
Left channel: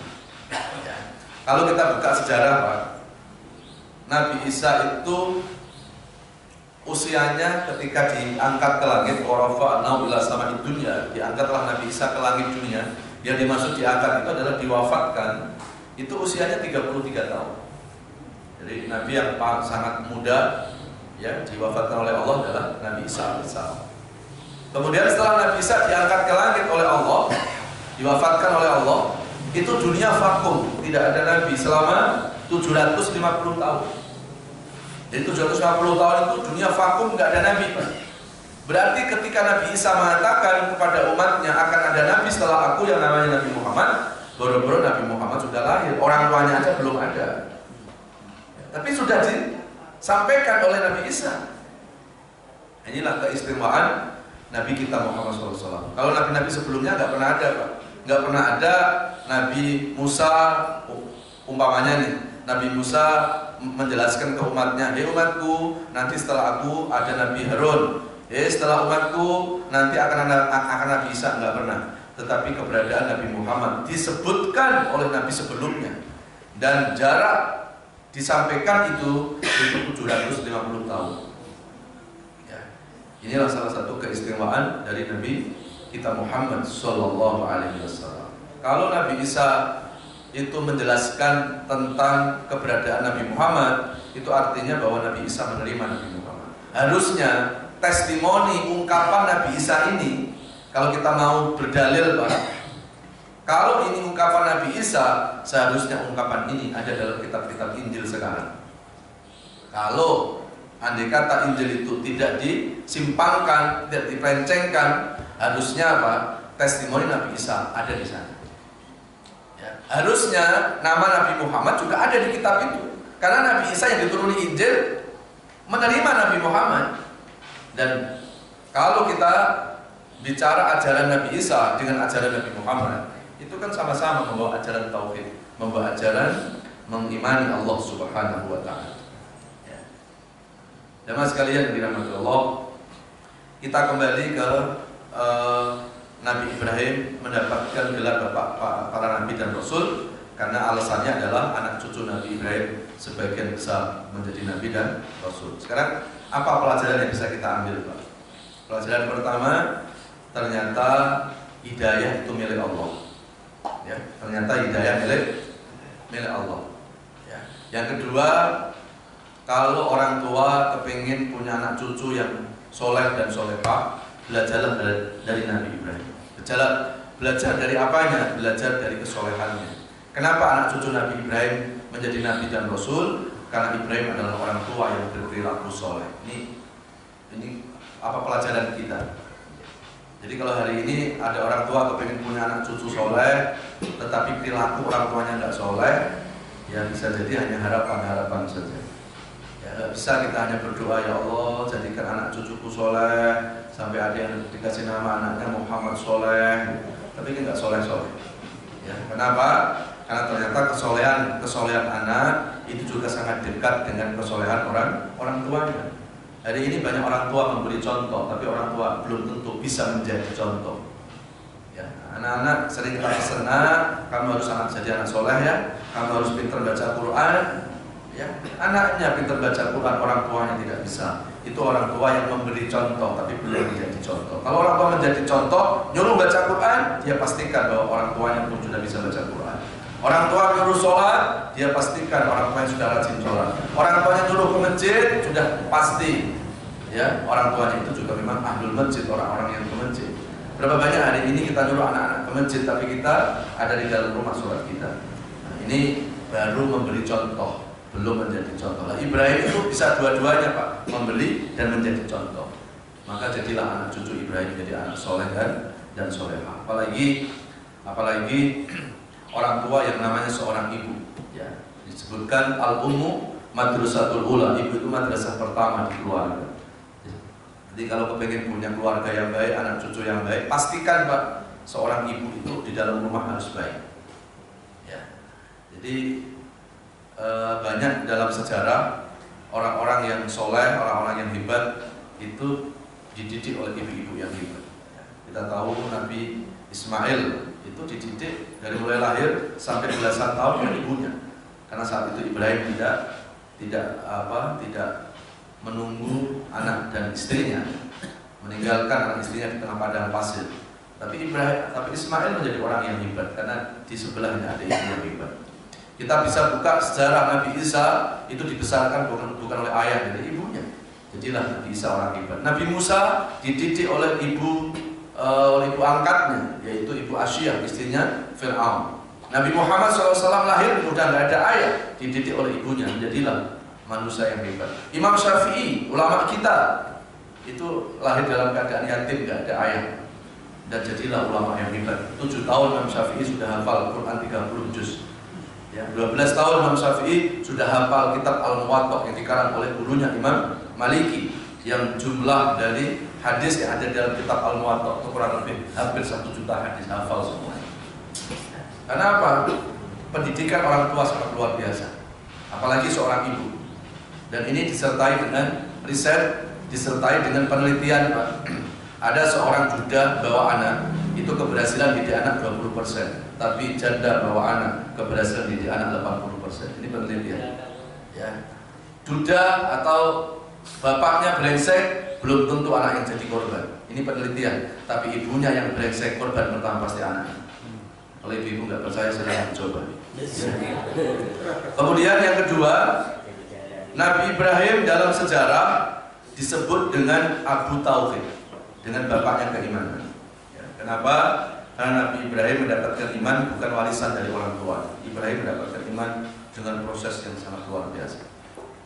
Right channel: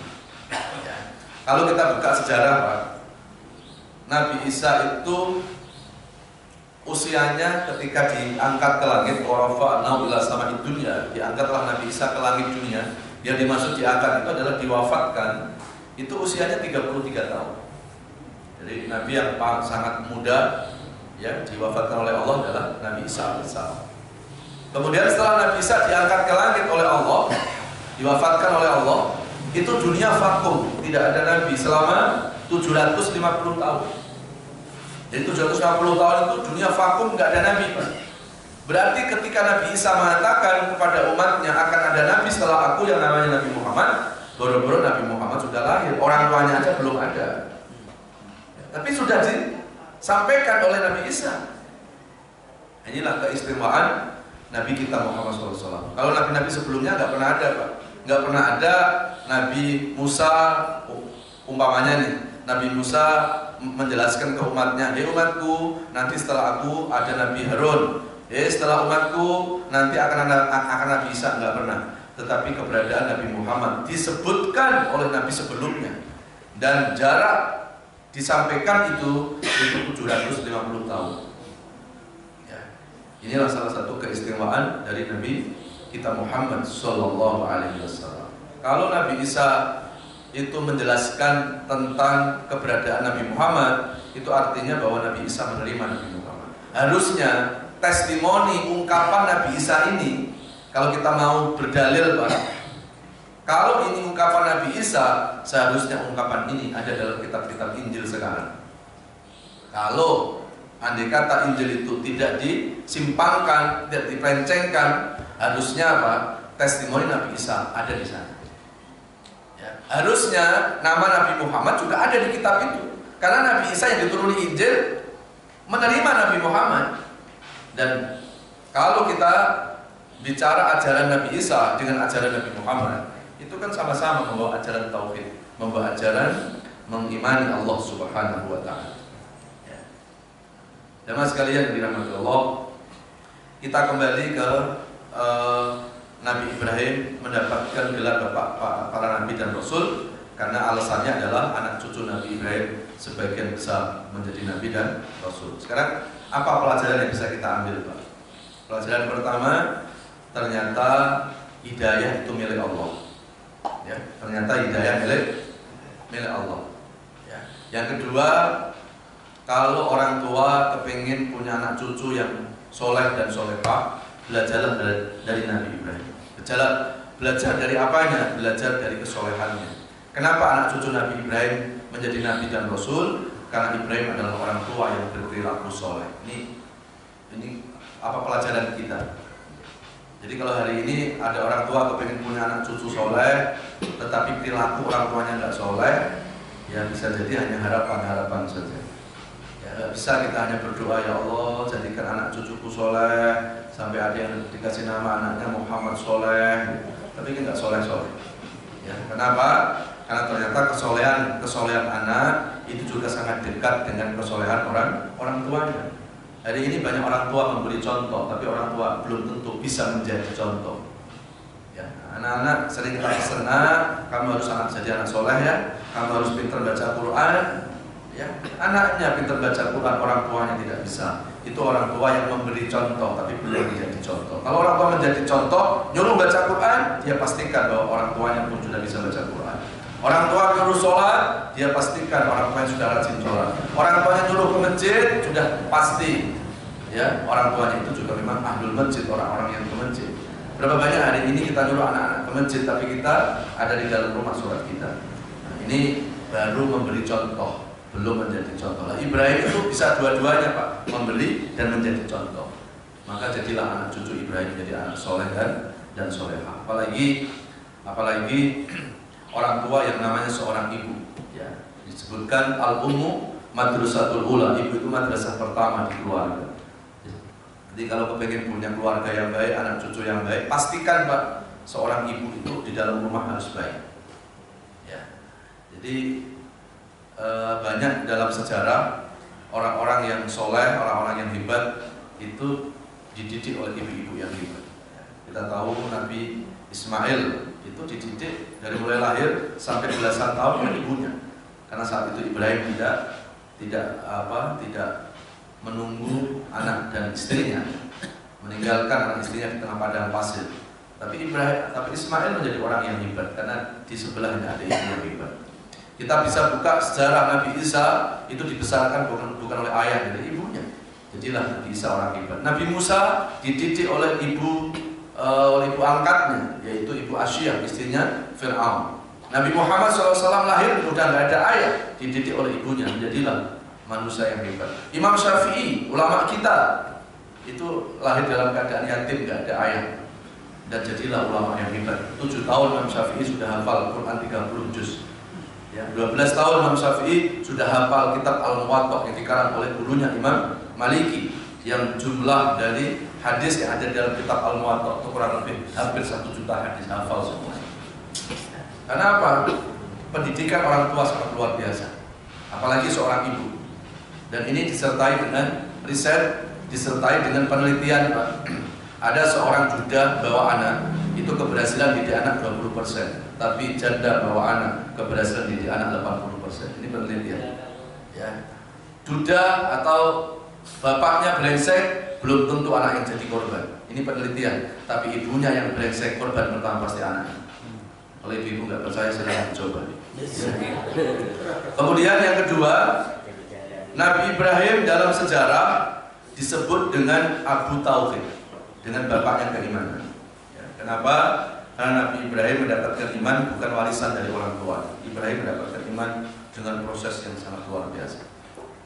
Ya. Kalau kita buka sejarah, Pak, Nabi Isa itu usianya ketika diangkat ke langit, warafa'nahu ila sama'id dunya, diangkatlah Nabi Isa ke langit dunia. Yang dimaksud diangkat itu adalah diwafatkan, itu usianya 33 tahun. Jadi Nabi yang sangat muda, ya, diwafatkan oleh Allah adalah Nabi Isa alaihissalam. Kemudian setelah Nabi Isa diangkat ke langit oleh Allah, diwafatkan oleh Allah, itu dunia vakum, tidak ada Nabi selama 750 tahun. Jadi 750 tahun itu dunia vakum, nggak ada nabi, Pak. Berarti ketika Nabi Isa mengatakan kepada umatnya akan ada nabi setelah aku yang namanya Nabi Muhammad, boro-boro Nabi Muhammad sudah lahir, orang tuanya aja belum ada. Tapi sudah disampaikan oleh Nabi Isa. Inilah keistimewaan Nabi kita Muhammad SAW. Kalau nabi-nabi sebelumnya nggak pernah ada, Pak. Nggak pernah ada Nabi Musa, umpamanya nih, Nabi Musa menjelaskan ke umatnya, hei umatku, nanti setelah aku ada Nabi Harun, setelah umatku nanti akan Nabi Isa. Nggak pernah. Tetapi keberadaan Nabi Muhammad disebutkan oleh Nabi sebelumnya, dan jarak disampaikan itu 750 tahun. Ya. Inilah salah satu keistimewaan dari Nabi kita Muhammad Sallallahu Alaihi Wasallam. Kalau Nabi Isa itu menjelaskan tentang keberadaan Nabi Muhammad, itu artinya bahwa Nabi Isa menerima Nabi Muhammad. Harusnya testimoni ungkapan Nabi Isa ini, kalau kita mau berdalil Pak, kalau ini ungkapan Nabi Isa, seharusnya ungkapan ini ada dalam kitab-kitab Injil sekarang. Kalau andai kata Injil itu tidak disimpangkan, tidak dipencengkan, harusnya apa? Testimoni Nabi Isa ada di sana. Ya. Harusnya nama Nabi Muhammad juga ada di kitab itu, karena Nabi Isa yang dituruni Injil menerima Nabi Muhammad. Dan kalau kita bicara ajaran Nabi Isa dengan ajaran Nabi Muhammad, itu kan sama-sama membawa ajaran tauhid, membawa ajaran mengimani Allah Subhanahu wa taala. Ya. Jemaah sekalian yang dirahmati Allah, kita kembali ke Nabi Ibrahim mendapatkan gelar bapak para nabi dan rasul karena alasannya adalah anak cucu Nabi Ibrahim sebagian besar menjadi nabi dan rasul. Sekarang apa pelajaran yang bisa kita ambil, Pak? Pelajaran pertama, ternyata hidayah itu milik Allah. Ya, ternyata hidayah milik Allah. Ya. Yang kedua, kalau orang tua kepingin punya anak cucu yang soleh dan solehah, belajarlah dari Nabi Ibrahim. Belajar dari apanya? Belajar dari kesolehannya. Kenapa anak cucu Nabi Ibrahim menjadi nabi dan rasul? Karena Ibrahim adalah orang tua yang berperilaku soleh. Ini apa pelajaran kita? Jadi kalau hari ini ada orang tua kepingin punya anak cucu soleh, tetapi perilaku orang tuanya nggak soleh, ya bisa jadi hanya harapan-harapan saja. Ya nggak bisa kita hanya berdoa, ya Allah jadikan anak cucuku soleh, sampai ada yang dikasih nama anaknya Muhammad Soleh, tapi nggak soleh-soleh. Ya, kenapa? Karena ternyata kesolehan anak itu juga sangat dekat dengan kesolehan orang tuanya. Hari ini banyak orang tua memberi contoh, tapi orang tua belum tentu bisa menjadi contoh. Ya, anak-anak sering kita pesan, kamu harus jadi anak soleh ya, kamu harus pintar baca Quran. Ya, anaknya pintar baca Quran, orang tuanya tidak bisa. Itu orang tua yang memberi contoh, tapi belum menjadi contoh. Kalau orang tua menjadi contoh, nyuruh baca Quran, dia pastikan bahwa orang tuanya pun sudah bisa baca Quran. Orang tua nyuruh sholat, dia pastikan orang tuanya sudah rajin sholat. Orang tuanya nyuruh ke masjid, sudah pasti. Ya, orang tuanya itu juga memang ahlul masjid, orang-orang yang ke masjid. Berapa banyak hari ini kita nyuruh anak-anak ke masjid, tapi kita ada di dalam rumah sholat kita. Nah, ini baru memberi contoh, belum menjadi contoh. Nah, Ibrahim itu bisa dua-duanya Pak, memberi dan menjadi contoh. Maka jadilah anak cucu Ibrahim jadi anak soleh dan solehah. Apalagi orang tua yang namanya seorang ibu. Ya, disebutkan al-ummu madrasatul ula, ibu itu madrasah pertama di keluarga. Jadi kalau kepengen punya keluarga yang baik, anak cucu yang baik, pastikan Pak, seorang ibu itu di dalam rumah harus baik. Ya, jadi banyak dalam sejarah orang-orang yang soleh, orang-orang yang hebat itu dididik oleh ibu-ibu yang hebat. Ya, kita tahu Nabi Ismail itu dididik dari mulai lahir sampai belasan tahun oleh ibunya. Karena saat itu Ibrahim tidak menunggu anak dan istrinya, meninggalkan anak istrinya di tengah padang pasir. Tapi Ismail menjadi orang yang hebat karena di sebelahnya ada ibu yang hebat. Kita bisa buka sejarah Nabi Isa, itu dibesarkan bukan oleh ayah, dari ibunya. Jadilah Nabi Isa orang hebat. Nabi Musa dididik oleh ibu angkatnya, yaitu Ibu Asyiyah, istrinya Fir'aun. Nabi Muhammad SAW lahir sudah nggak ada ayah, dididik oleh ibunya, menjadilah manusia yang hebat. Imam Syafi'i, ulama kita, itu lahir dalam keadaan yatim, nggak ada ayah, dan jadilah ulama yang hebat. 7 tahun Imam Syafi'i sudah hafal Quran 30 juz. Ya, 12 tahun Imam Syafi'i sudah hafal kitab Al-Muwatta yang dikarang oleh gurunya Imam Maliki, yang jumlah dari hadis yang ada dalam kitab Al-Muwatta itu kurang lebih hampir 1 juta hadis hafal semua. Karena apa? Pendidikan orang tua sangat luar biasa, apalagi seorang ibu. Dan ini disertai dengan riset, disertai dengan penelitian Pak. Ada seorang duda bawa anak, itu keberhasilan didik anak 20%, tapi janda bawa anak, keberhasilan didik anak 80%. Ini penelitian. Ya. Duda atau bapaknya brengsek, belum tentu anak yang jadi korban. Ini penelitian. Tapi ibunya yang brengsek, korban pertama pasti anaknya. Kalau ibu nggak percaya, silahkan coba. Kemudian yang kedua, Nabi Ibrahim dalam sejarah disebut dengan Abu Tauhid, dengan bapaknya keimanan. Ya, kenapa? Karena Nabi Ibrahim mendapatkan iman bukan warisan dari orang tua. Ibrahim mendapatkan iman dengan proses yang sangat luar biasa.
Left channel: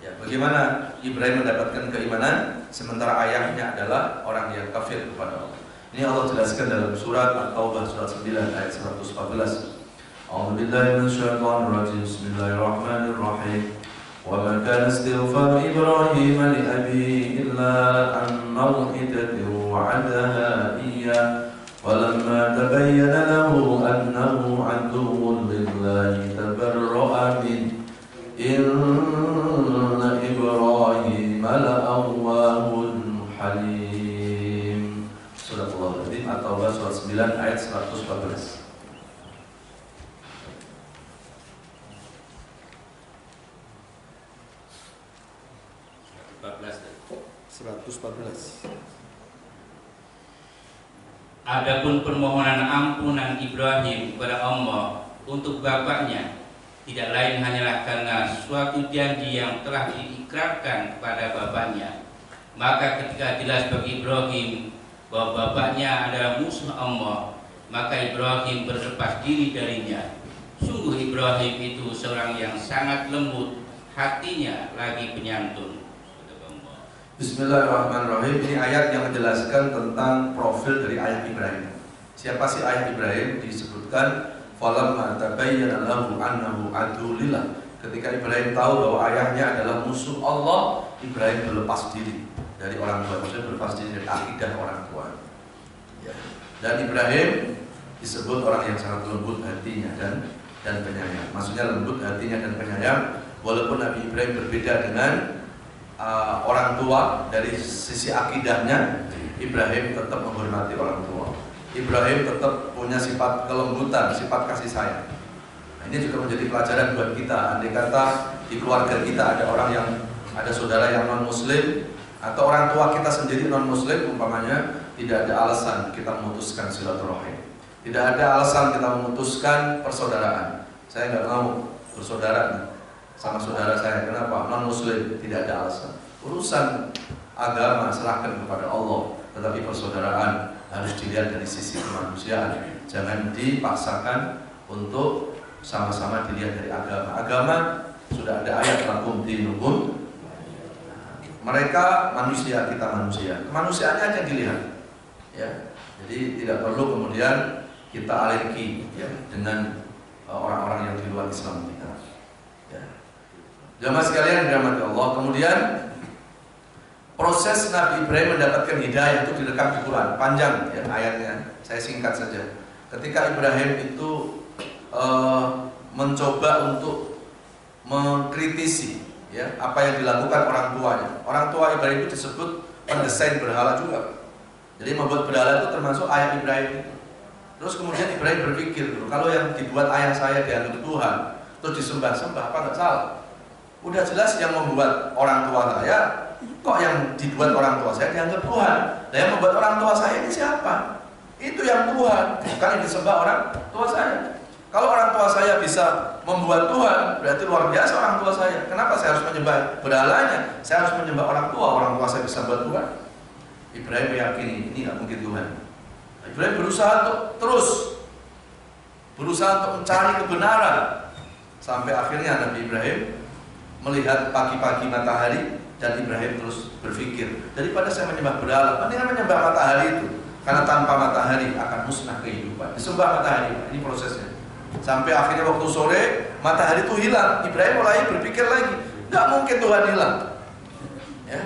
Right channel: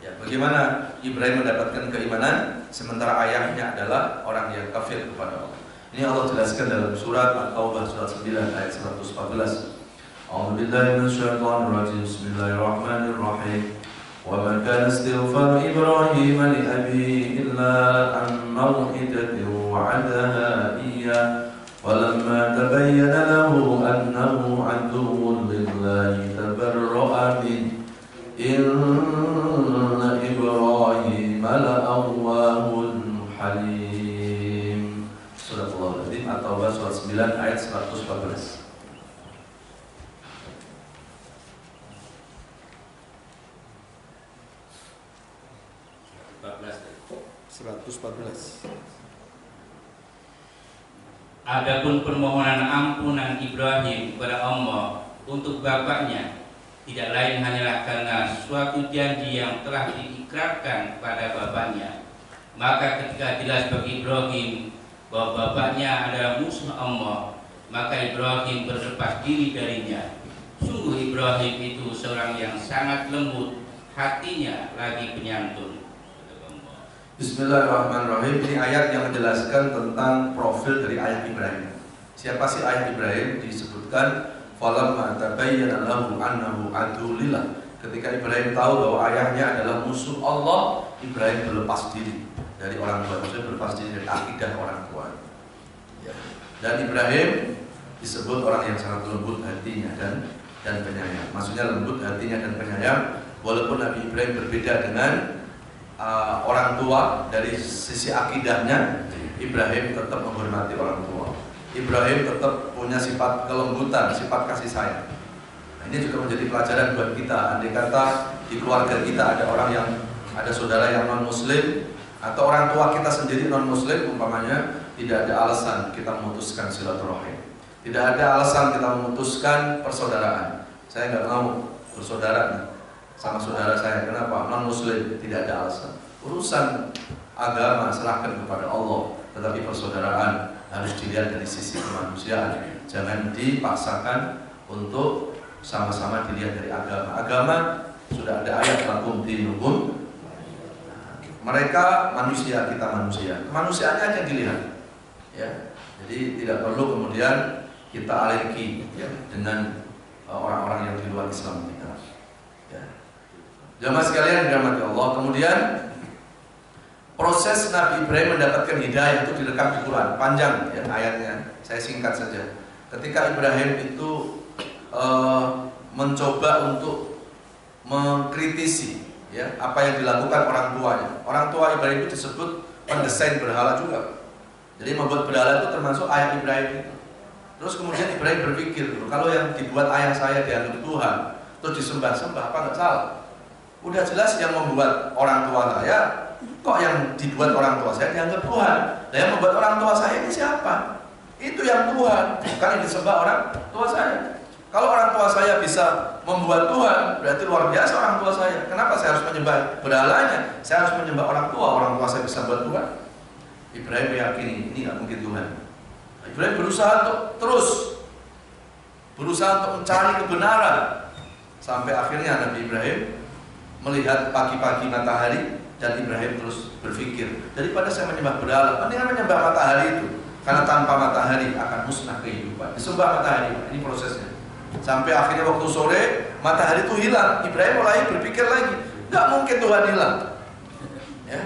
Ya, bagaimana Ibrahim mendapatkan keimanan sementara ayahnya adalah orang yang kafir kepada Allah? Ini Allah jelaskan dalam surat At-Taubah surat 9 ayat 114. A'udzubillahi minasyaitonir rajim. Bismillahirrahmanirrahim. Wa ma kana istighfar Ibrahim li abihi illa an maw'idatin wa'adaha iyyah. Walamma tabayyana lahu annahu aduwwun lillahi tabarra'a min inna Ibrahim la'awwahun halim. Surah Al-Azim At-Taubah surat 9 ayat 114. Adapun permohonan ampunan Ibrahim kepada Allah untuk bapaknya tidak lain hanyalah karena suatu janji yang telah diikrarkan kepada bapaknya. Maka ketika jelas bagi Ibrahim bahwa bapaknya adalah musuh Allah, maka Ibrahim berlepas diri darinya. Sungguh Ibrahim itu seorang yang sangat lembut hatinya lagi penyantun. Bismillahirrahmanirrahim. Ini ayat yang menjelaskan tentang profil dari ayah Ibrahim. Siapa sih ayah Ibrahim? Disebutkan falamma tabayyana lahu annahu adulillah. Ketika Ibrahim tahu bahwa ayahnya adalah musuh Allah, Ibrahim berlepas diri dari orang tua, maksudnya berlepas diri dari akidah orang tua. Ya. Dan Ibrahim disebut orang yang sangat lembut hatinya dan penyayang. Maksudnya lembut hatinya dan penyayang. Walaupun Nabi Ibrahim berbeda dengan orang tua dari sisi akidahnya, Ibrahim tetap menghormati orang tua. Ibrahim tetap punya sifat kelembutan, sifat kasih sayang. Nah, ini juga menjadi pelajaran buat kita. Andai kata di keluarga kita ada saudara yang non muslim atau orang tua kita sendiri non muslim, umpamanya, tidak ada alasan kita memutuskan silaturahim. Tidak ada alasan kita memutuskan persaudaraan. Saya nggak mau bersaudara sama saudara saya. Kenapa? Non muslim, tidak ada alasan. Urusan agama serahkan kepada Allah, tetapi persaudaraan harus dilihat dari sisi kemanusiaan. Jangan dipaksakan untuk sama-sama dilihat dari agama. Agama sudah ada ayat lakum dinukum. Mereka manusia, kita manusia. Kemanusiaannya aja dilihat. Ya. Jadi tidak perlu kemudian kita alergi ya, dengan orang-orang yang di luar Islam kita. Jamaah sekalian dirahmati Allah. Kemudian proses Nabi Ibrahim mendapatkan hidayah itu direkam di Quran, panjang ya ayatnya. Saya singkat saja. Ketika Ibrahim itu mencoba untuk mengkritisi ya apa yang dilakukan orang tuanya. Orang tua Ibrahim itu disebut pendesain berhala juga. Jadi membuat berhala itu termasuk ayah Ibrahim itu. Terus kemudian Ibrahim berpikir, kalau yang dibuat ayah saya dianggap Tuhan, terus disembah-sembah, apa nggak salah? Udah jelas yang membuat orang tua saya, kok yang dibuat orang tua saya dianggap Tuhan? Nah, yang membuat orang tua saya ini siapa? Itu yang Tuhan, bukan yang disembah orang tua saya. Kalau orang tua saya bisa membuat Tuhan, berarti luar biasa orang tua saya. Kenapa saya harus menyembah berhalanya? Saya harus menyembah orang tua saya bisa buat Tuhan. Ibrahim meyakini ini nggak mungkin Tuhan. Ibrahim berusaha untuk mencari kebenaran sampai akhirnya Nabi Ibrahim melihat pagi-pagi matahari dan Ibrahim terus berpikir, daripada saya menyembah berhala, mendingan menyembah matahari itu, karena tanpa matahari akan musnah kehidupan. Disembah matahari, ini prosesnya. Sampai akhirnya waktu sore matahari itu hilang, Ibrahim mulai berpikir lagi, nggak mungkin Tuhan hilang. Ya,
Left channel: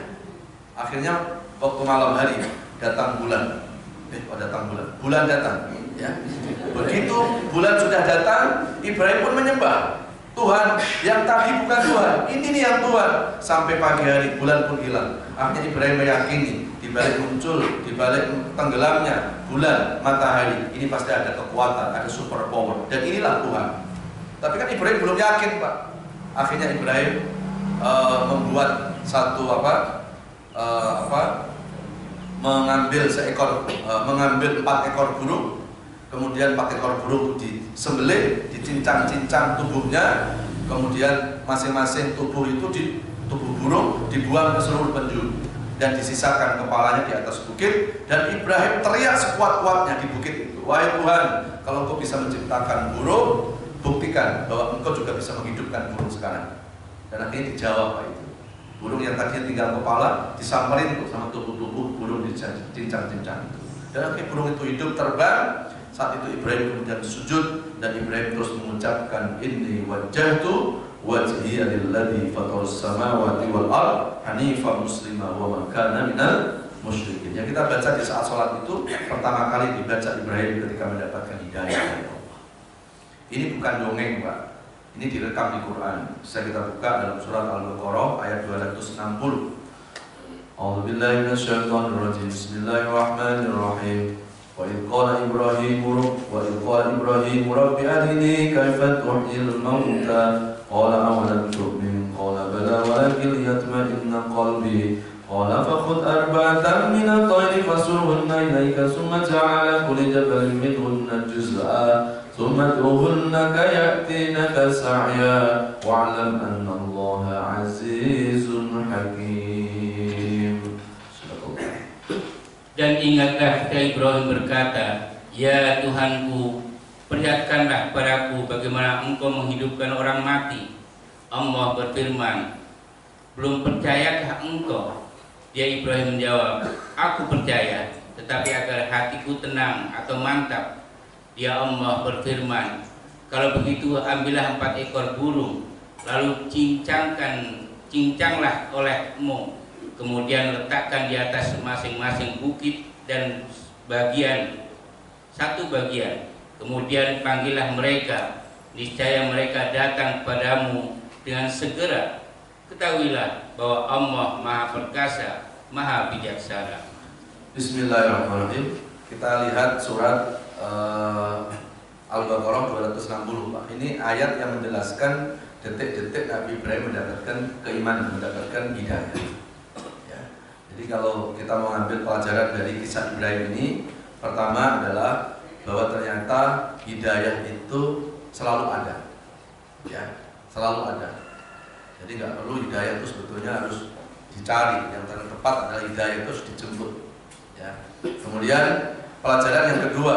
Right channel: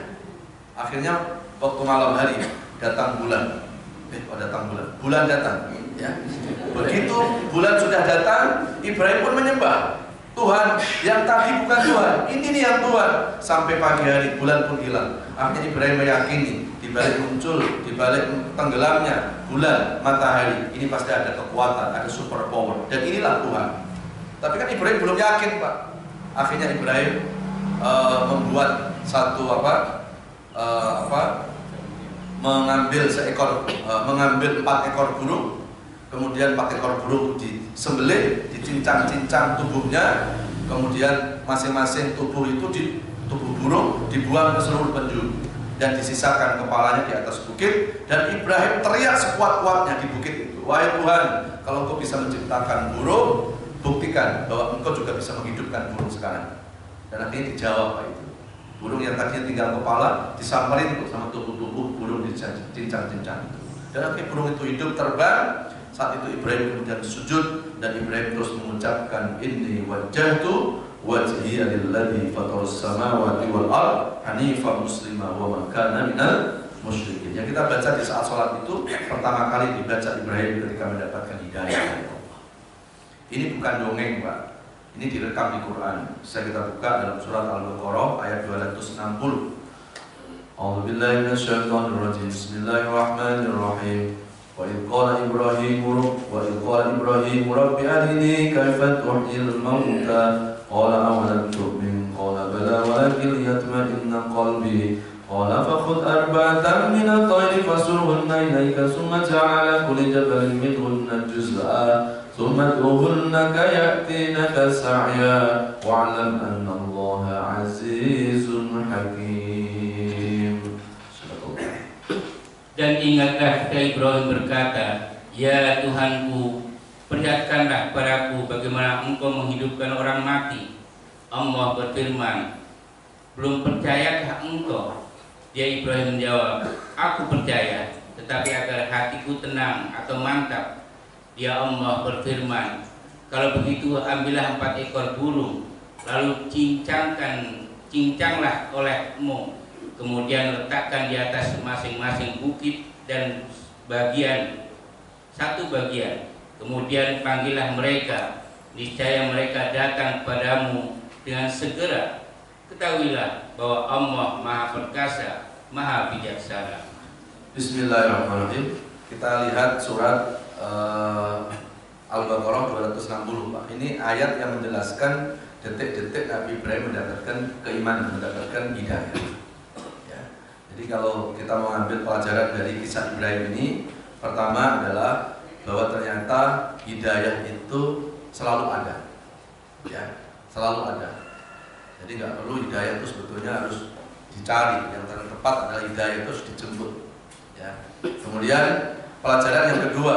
akhirnya waktu malam hari datang bulan, bulan datang. Ya, begitu bulan sudah datang, Ibrahim pun menyembah. Tuhan yang tadi bukan Tuhan, ini nih yang Tuhan. Sampai pagi hari bulan pun hilang. Akhirnya Ibrahim meyakini di balik muncul, di balik tenggelamnya bulan, matahari, ini pasti ada kekuatan, ada super power, dan inilah Tuhan. Tapi kan Ibrahim belum yakin, Pak. Akhirnya Ibrahim membuat satu mengambil 4 ekor burung. Kemudian 4 ekor burung disembelih, dicincang-cincang tubuhnya, kemudian masing-masing tubuh burung dibuang ke seluruh penjuru. dan disisakan kepalanya di atas bukit, dan Ibrahim teriak sekuat-kuatnya di bukit itu, wahai Tuhan, kalau Engkau bisa menciptakan burung, buktikan bahwa Engkau juga bisa menghidupkan burung sekarang. Dan akhirnya dijawab Pak itu. Burung yang tadinya tinggal kepala disamperin sama tubuh-tubuh burung dicincang-cincang itu. Dan akhirnya burung itu hidup terbang. Saat itu Ibrahim kemudian sujud, dan Ibrahim terus mengucapkan, inni wajjahtu wajhiya lilladzi fatarus samawati wal ard hanifan muslima wa ma kana minal musyrikin. Yang kita baca di saat sholat itu pertama kali dibaca Ibrahim ketika mendapatkan hidayah dari Allah. Ini bukan dongeng Pak, ini direkam di Quran. Bisa kita buka dalam surat Al-Baqarah ayat 260. A'udzubillahi minasyaitonir rajim. Bismillahirrahmanirrahim. وإذ قال إبراهيم رب أرني كيف تحيي الموتى قال أولم تؤمن قال بلى ولكن ليطمئن قلبي قال فخذ أربعة من الطير فصرهن إليك ثم اجعل على كل جبل منهن جزءا ثم ادعهن كيأتينك سعيا واعلم أن الله عزيز حكيم. Dan ingatlah ketika Ibrahim berkata, ya Tuhanku, perlihatkanlah kepadaku bagaimana Engkau menghidupkan orang mati. Allah berfirman, belum percayakah engkau? Dia Ibrahim menjawab, aku percaya, tetapi agar hatiku tenang atau mantap. Dia Allah berfirman, kalau begitu ambillah 4 ekor burung, lalu cincanglah olehmu. Kemudian letakkan di atas masing-masing bukit dan satu bagian. Kemudian panggillah mereka, niscaya mereka datang kepadamu dengan segera. Ketahuilah bahwa Allah Maha Perkasa, Maha Bijaksana. Bismillahirrahmanirrahim. Kita lihat surat Al-Baqarah 260 Pak. Ini ayat yang menjelaskan detik-detik Nabi Ibrahim mendapatkan keimanan, mendapatkan hidayah. Jadi kalau kita mau ambil pelajaran dari kisah Ibrahim ini, pertama adalah bahwa ternyata hidayah itu selalu ada, ya, selalu ada. Jadi nggak perlu hidayah itu sebetulnya harus dicari. Yang tepat adalah hidayah itu harus dijemput, ya. Kemudian pelajaran yang kedua,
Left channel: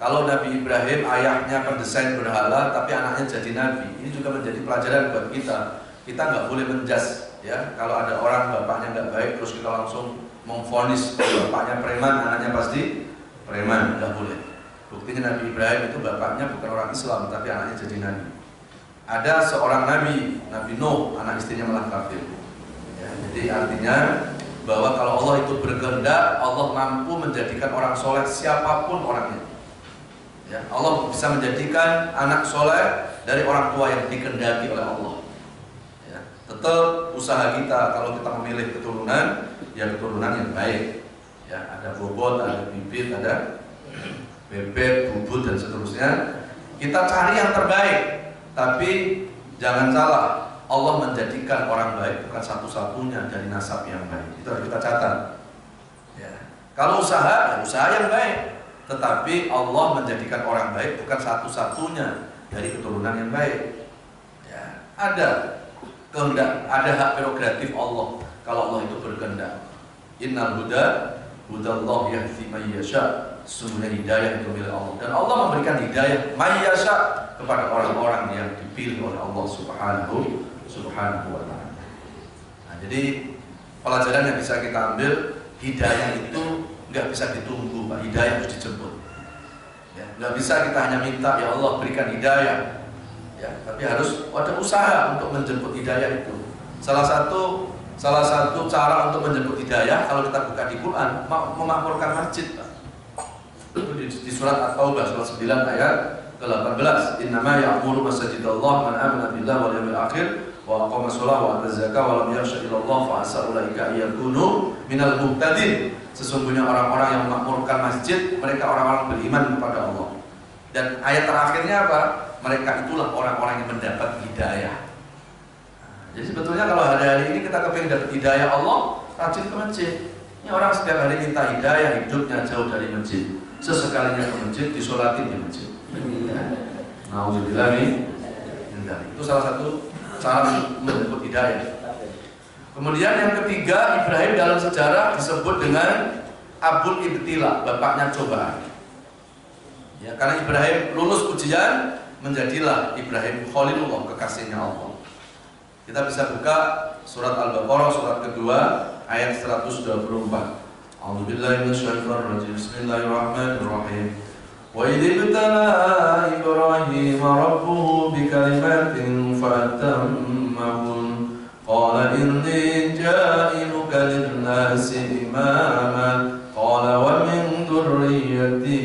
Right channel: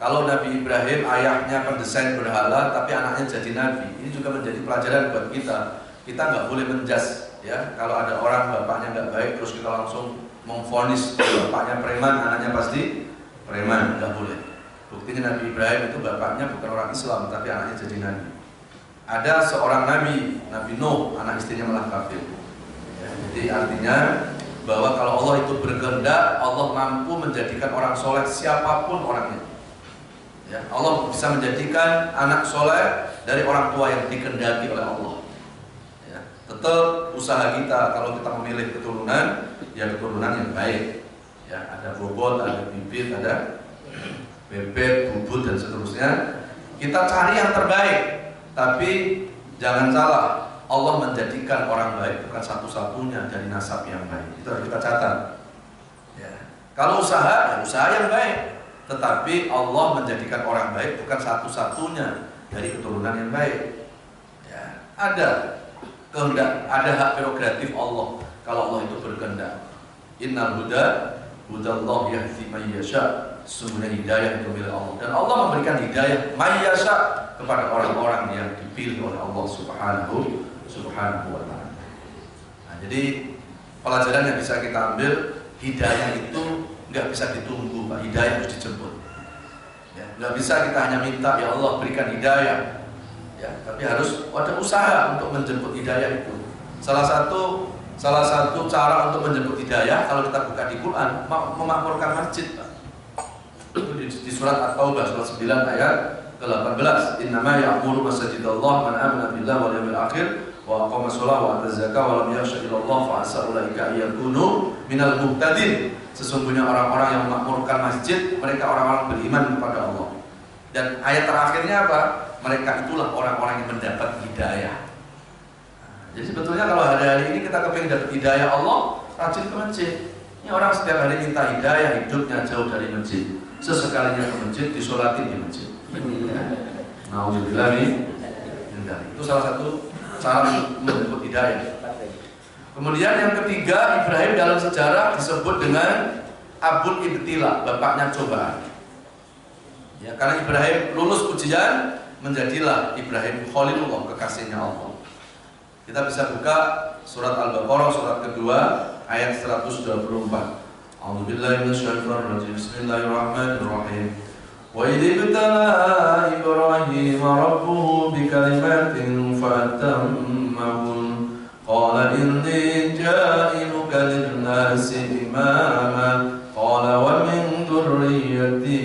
kalau Nabi Ibrahim ayahnya pendesain berhala, tapi anaknya jadi nabi, ini juga menjadi pelajaran buat kita. Kita nggak boleh menjas. Ya, kalau ada orang bapaknya nggak baik terus kita langsung memvonis bapaknya preman, anaknya pasti preman, nggak boleh. Buktinya Nabi Ibrahim itu bapaknya bukan orang Islam tapi anaknya jadi nabi. Ada seorang nabi, Nabi Nuh, anak istrinya malah kafir. Ya, jadi artinya bahwa kalau Allah itu berkehendak, Allah mampu menjadikan orang soleh siapapun orangnya. Ya, Allah bisa menjadikan anak soleh dari orang tua yang dikehendaki oleh Allah. Tetap usaha kita kalau kita memilih keturunan, ya keturunan yang baik. Ya, ada bobot, ada bibit, ada bebek, bubut dan seterusnya. Kita cari yang terbaik. Tapi jangan salah, Allah menjadikan orang baik bukan satu-satunya dari nasab yang baik. Itu harus kita catat. Ya. Kalau usaha, ya usaha yang baik. Tetapi Allah menjadikan orang baik bukan satu-satunya dari keturunan yang baik. Ya, ada kehendak, ada hak prerogatif Allah. Kalau Allah itu berkehendak, innal huda hudallah yahdi may yasha. Sesungguhnya hidayah itu milik Allah, dan Allah memberikan hidayah may yasha kepada orang-orang yang dipilih oleh Allah Subhanahu wa ta'ala. Nah, jadi pelajaran yang bisa kita ambil, hidayah itu nggak bisa ditunggu Pak, hidayah harus dijemput. Ya, nggak bisa kita hanya minta ya Allah berikan hidayah. Ya, tapi harus ada usaha untuk menjemput hidayah itu. Salah satu cara untuk menjemput hidayah kalau kita buka di Quran, memakmurkan masjid, Pak. Itu di surat At-Taubah surat 9 ayat ke-18. Innama ya'muru masajidallah man amana billahi wal yawmil akhir wa aqama sholata wa ata zakata wa lam yakhsha illallah fa asa ulaika yakunu minal muhtadin. Sesungguhnya orang-orang yang memakmurkan masjid, mereka orang-orang beriman kepada Allah. Dan ayat terakhirnya apa? Mereka itulah orang-orang yang mendapat hidayah. Jadi sebetulnya kalau hari-hari ini kita kepingin dapat hidayah Allah, rajin ke masjid. Ini orang setiap hari minta hidayah, hidupnya jauh dari masjid. Sesekalinya ke masjid, disolatin di masjid. Nauzubillah nih. Itu salah satu cara menjemput hidayah. Kemudian yang ketiga, Ibrahim dalam sejarah disebut dengan Abul Ibtila, bapaknya cobaan. Ya, karena Ibrahim lulus ujian, menjadilah Ibrahim Khalilullah, kekasihnya Allah. Kita bisa buka surat Al-Baqarah, surat kedua, ayat 124. A'udzubillahi minasyaitonir rajim. Bismillahirrahmanirrahim. Wa idh ibtala Ibrahim rabbuhu bikalimatin fatammahun. Qala inni ja'iluka lin-nasi imama. Qala wa min dhurriyyati.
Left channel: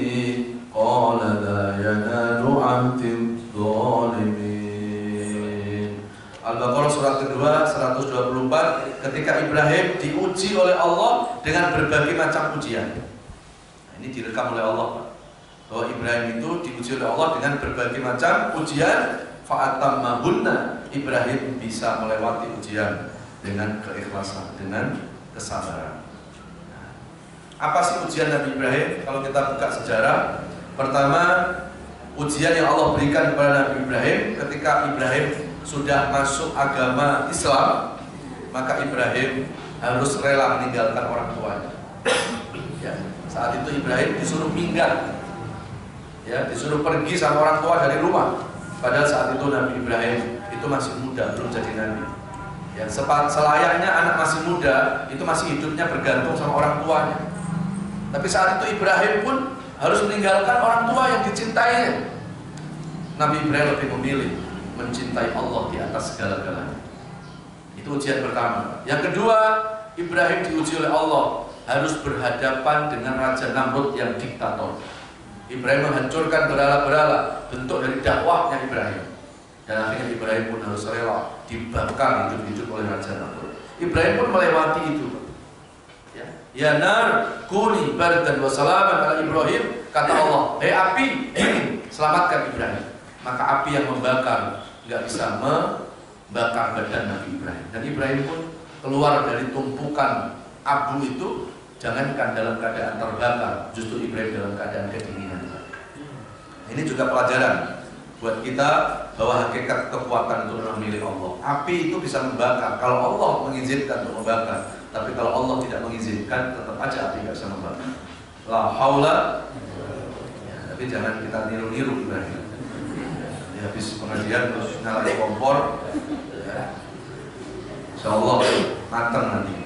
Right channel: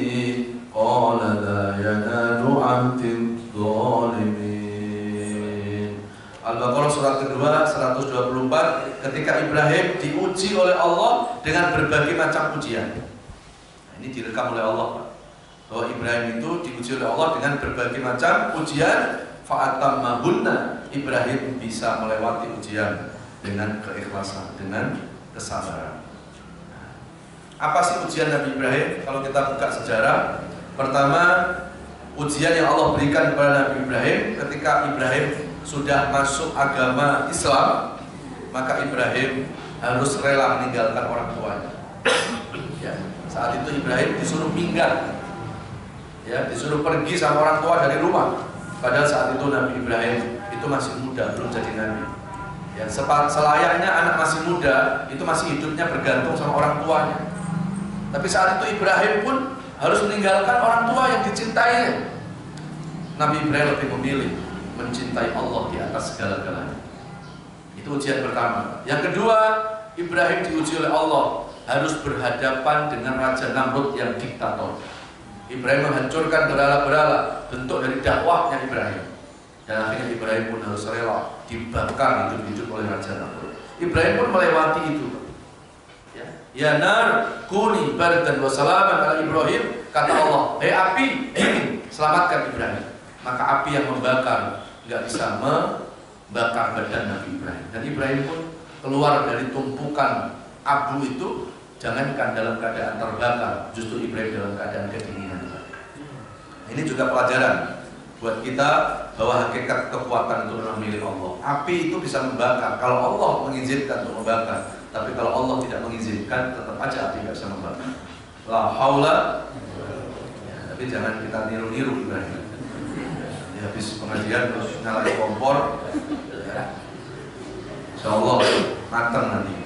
Qala la yanalu 'ahdi adh-dhalimin. Al-Baqarah surat kedua 124, ketika Ibrahim diuji oleh Allah dengan berbagai macam ujian. Nah, ini direkam oleh Allah, bahwa Ibrahim itu diuji oleh Allah dengan berbagai macam ujian. Fa'atammahunna, Ibrahim bisa melewati ujian dengan keikhlasan, dengan kesabaran. Apa sih ujian Nabi Ibrahim? Kalau kita buka sejarah, pertama, ujian yang Allah berikan kepada Nabi Ibrahim ketika Ibrahim sudah masuk agama Islam, maka Ibrahim harus rela meninggalkan orang tuanya. Ya, saat itu Ibrahim disuruh minggat, ya, disuruh pergi sama orang tua dari rumah. Padahal saat itu Nabi Ibrahim itu masih muda, belum jadi nabi. Ya, selayaknya anak masih muda itu masih hidupnya bergantung sama orang tuanya. Tapi saat itu Ibrahim pun harus meninggalkan orang tua yang dicintainya. Nabi Ibrahim lebih memilih mencintai Allah di atas segala-galanya. Itu ujian pertama. Yang kedua, Ibrahim diuji oleh Allah harus berhadapan dengan Raja Namrud yang diktator. Ibrahim menghancurkan berhala-berhala, bentuk dari dakwahnya Ibrahim. Dan akhirnya Ibrahim pun harus rela dibakar hidup-hidup oleh Raja Namrud. Ibrahim pun melewati itu. Ya nar kuni bardan wa salaman ala Ibrahim, kata Allah, hei api, dingin, selamatkan Ibrahim. Maka api yang membakar nggak bisa membakar badan Nabi Ibrahim. Dan Ibrahim pun keluar dari tumpukan abu itu, jangankan dalam keadaan terbakar, justru Ibrahim dalam keadaan kedinginan. Ini juga pelajaran buat kita bahwa hakikat kekuatan itu memang milik Allah. Api itu bisa membakar kalau Allah mengizinkan untuk membakar. Tapi kalau Allah tidak mengizinkan, tetap aja api nggak bisa membakar. La haula. Ya, tapi jangan kita niru-niru Ibrahim. Habis pengajian terus nyalain kompor, ya. Insya Allah matang nanti.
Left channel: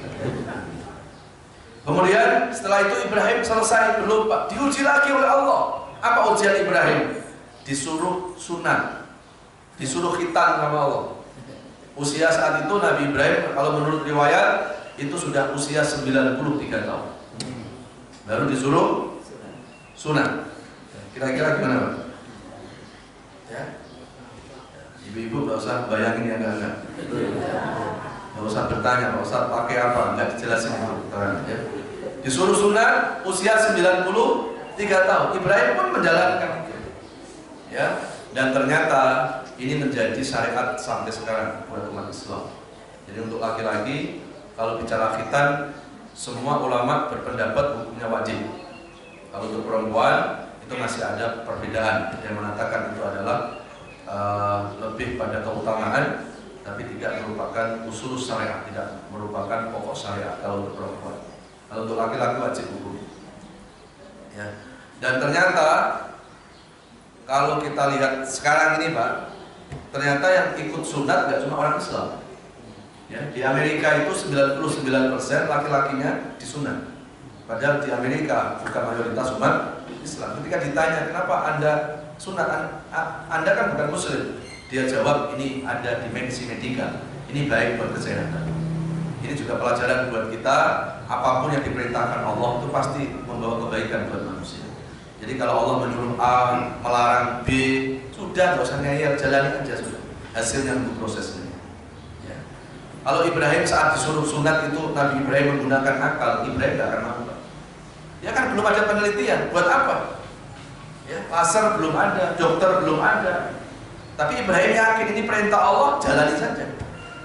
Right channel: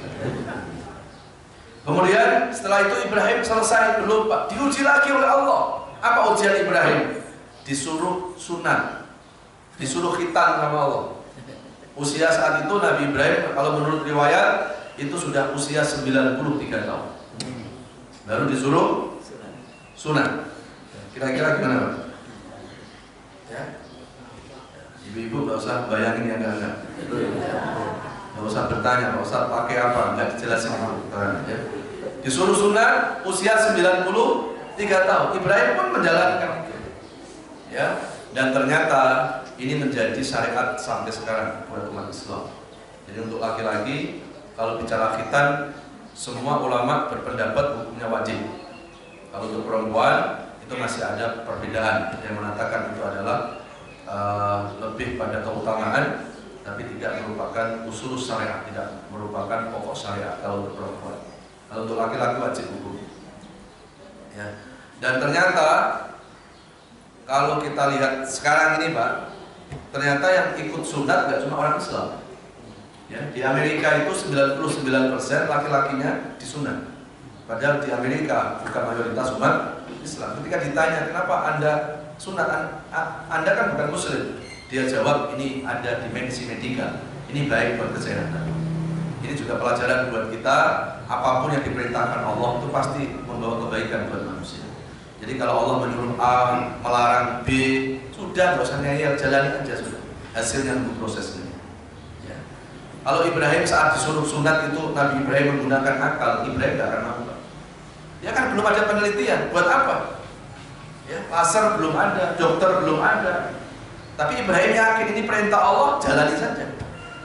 Kemudian setelah itu Ibrahim selesai berlomba, diuji lagi oleh Allah. Apa ujian Ibrahim? Disuruh sunat, disuruh khitan sama Allah. Usia saat itu Nabi Ibrahim kalau menurut riwayat itu sudah usia 93 tahun. Baru disuruh sunat. Kira-kira gimana Pak? Ya. Ibu-ibu nggak usah bayangin yang enggak. Nggak usah bertanya, nggak usah pakai apa, nggak dijelasin itu. Ya. Disuruh sunat usia 93 tahun. Ibrahim pun menjalankan itu. Ya. Dan ternyata ini menjadi syariat sampai sekarang buat umat Islam. Jadi untuk laki-laki kalau bicara khitan, semua ulama berpendapat hukumnya wajib. Kalau untuk perempuan itu masih ada perbedaan. Yang mengatakan itu adalah lebih pada keutamaan, tapi tidak merupakan usul syariat, tidak merupakan pokok syariat kalau untuk perempuan. Kalau untuk laki-laki wajib hukum. Ya. Dan ternyata kalau kita lihat sekarang ini Pak, ternyata yang ikut sunat nggak cuma orang Islam. Ya, di Amerika itu 99% laki-lakinya disunat. Padahal di Amerika bukan mayoritas umat Islam. Ketika ditanya kenapa Anda sunat, Anda kan bukan Muslim, dia jawab ini ada dimensi medika, ini baik buat kesehatan. Ini juga pelajaran buat kita. Apapun yang diperintahkan Allah itu pasti membawa kebaikan buat manusia. Jadi kalau Allah menyuruh A, melarang B, sudah nggak usah ngeyel, jalani aja sudah. Hasilnya untuk prosesnya. Ya. Kalau Ibrahim saat disuruh sunat itu Nabi Ibrahim menggunakan akal, Ibrahim nggak akan mau. Ya kan belum ada penelitian, buat apa? Ya, laser belum ada, dokter belum ada. Tapi Ibrahim yakin ini perintah Allah, jalani saja.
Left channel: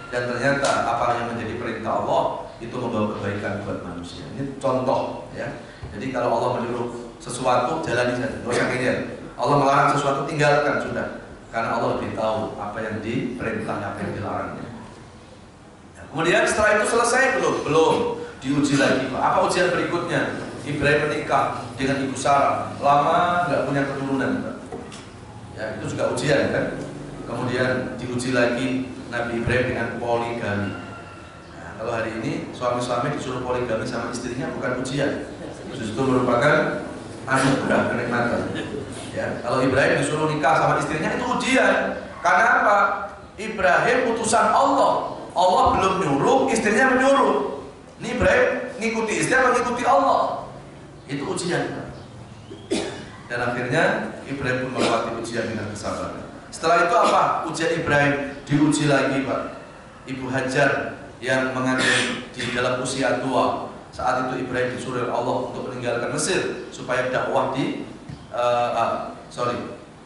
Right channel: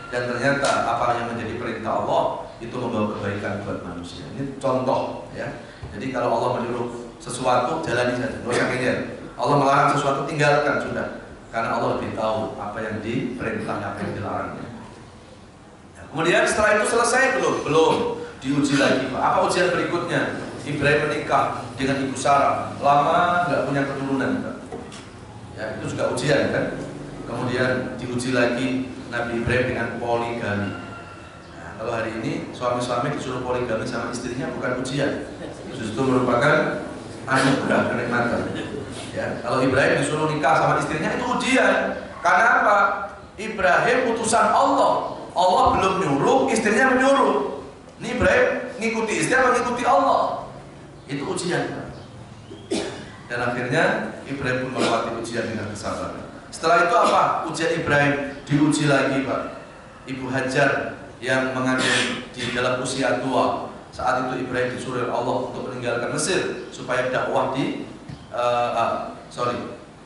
Dan ternyata apa yang menjadi perintah Allah itu membawa kebaikan buat manusia. Ini contoh, ya. Jadi kalau Allah menyuruh sesuatu jalani saja, nggak usah ngeyel. Allah melarang sesuatu tinggalkan sudah, karena Allah lebih tahu apa yang diperintah, apa yang dilarangnya. Ya, Kemudian setelah itu selesai belum? Belum. Diuji lagi. Apa ujian berikutnya? Ibrahim menikah dengan Ibu Sarah, lama nggak punya keturunan. Ya, itu juga ujian kan. Kemudian diuji lagi Nabi Ibrahim dengan poligami. Nah, kalau hari ini suami-suami disuruh poligami sama istrinya bukan ujian, justru merupakan anugerah kenikmatan. Ya, kalau Ibrahim disuruh nikah sama istrinya itu ujian. Karena apa? Ibrahim utusan Allah. Allah belum nyuruh, istrinya menyuruh. Ini Ibrahim ngikuti istri atau ngikuti Allah? Itu ujian. Dan akhirnya Ibrahim pun melewati ujian dengan kesabaran. Setelah itu apa? Ujian Ibrahim diuji lagi, Pak. Ibu Hajar yang mengandung di dalam usia tua. Saat itu Ibrahim disuruh Allah untuk meninggalkan Mesir supaya dakwah di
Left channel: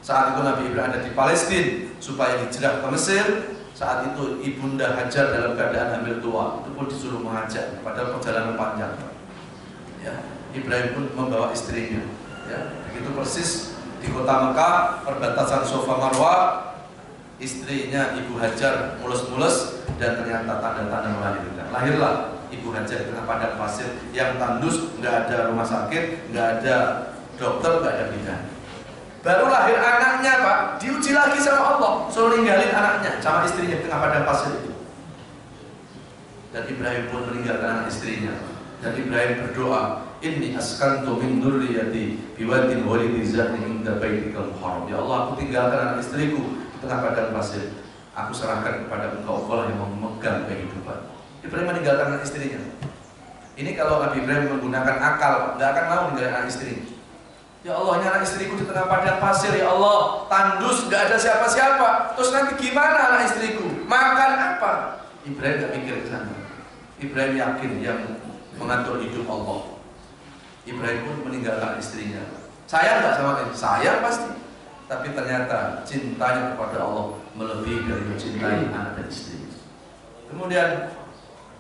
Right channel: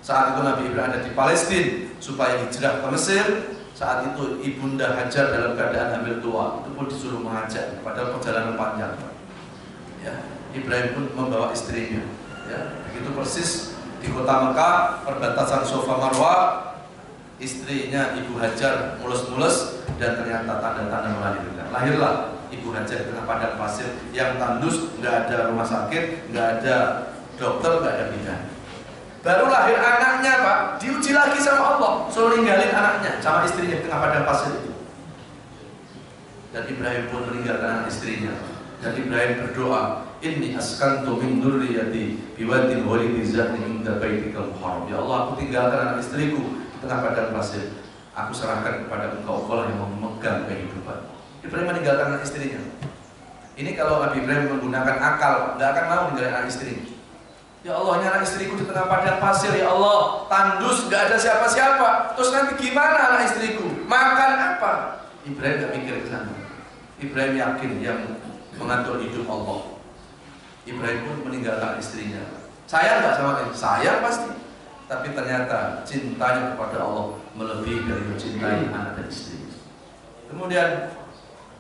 saat itu Nabi Ibrahim ada di Palestina supaya hijrah ke Mesir. Saat itu Ibunda Hajar dalam keadaan hamil tua, itu pun disuruh mengajak, padahal perjalanan panjang. Ya, Ibrahim pun membawa istrinya. Ya, begitu persis di kota Mekah, perbatasan Safa Marwah, istrinya Ibu Hajar mulus-mulus dan ternyata tanda-tanda melahirkan. Lahirlah Ibu Hajar di tengah padang pasir yang tandus, nggak ada rumah sakit, nggak ada dokter, nggak ada bidan. Baru lahir anaknya, Pak, diuji lagi sama Allah, suruh ninggalin anaknya sama istrinya di tengah padang pasir itu. Dan Ibrahim pun meninggalkan anak istrinya. Dan Ibrahim berdoa, inni askantu min dzurriyyati biwadin ghairi dzati inda baitikal muharram. Ya Allah, aku tinggalkan anak istriku di tengah padang pasir. Aku serahkan kepada Engkau, Allah yang memegang kehidupan. Ibrahim meninggalkan anak istrinya. Ini kalau Nabi Ibrahim menggunakan akal, nggak akan mau meninggalkan anak istrinya. Ya Allah, ini anak istriku di tengah padang pasir, ya Allah, tandus, nggak ada siapa-siapa. Terus nanti gimana anak istriku? Makan apa? Ibrahim nggak mikir ke sana. Ibrahim yakin yang mengatur hidup Allah. Ibrahim pun meninggalkan istrinya. Sayang nggak sama dia? Sayang pasti. Tapi ternyata cintanya kepada Allah melebihi dari mencintai anak dan istri. Kemudian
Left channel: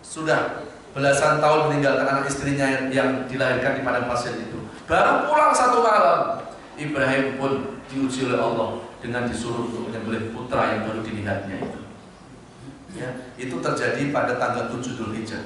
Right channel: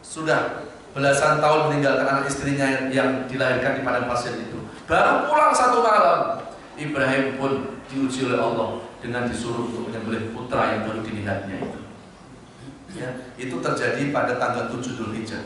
sudah belasan tahun meninggalkan anak istrinya yang dilahirkan di padang pasir itu. Baru pulang satu malam, Ibrahim pun diuji oleh Allah dengan disuruh untuk menyembelih putra yang baru dilihatnya itu. Ya, itu terjadi pada tanggal 7 Dzulhijjah.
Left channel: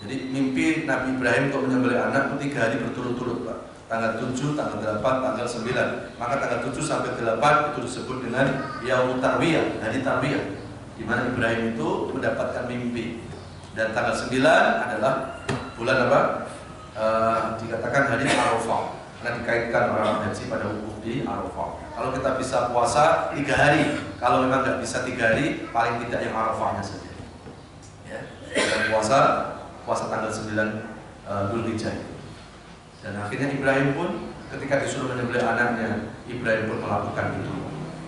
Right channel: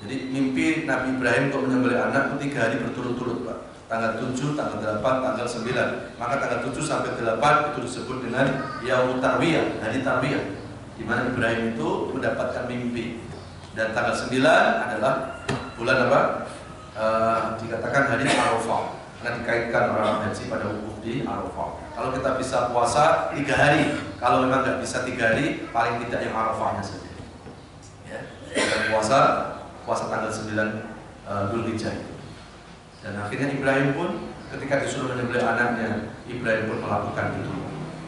Jadi mimpi Nabi Ibrahim untuk menyembelih anak itu 3 hari berturut-turut, Pak. Tanggal 7, tanggal 8, tanggal 9. Maka tanggal 7 sampai 8 itu disebut dengan Yaumut Tarwiyah, hari Tarwiyah, di mana Ibrahim itu mendapatkan mimpi. Dan tanggal 9 adalah bulan apa? Dikatakan hari Arafah, karena dikaitkan orang haji pada wukuf di Arafah. Kalau kita bisa puasa 3 hari, kalau memang nggak bisa 3 hari, paling tidak yang Arafahnya saja. Ya, dan puasa tanggal 9 Dzulhijjah itu. Dan akhirnya Ibrahim pun ketika disuruh menyembelih anaknya, Ibrahim pun melakukan itu.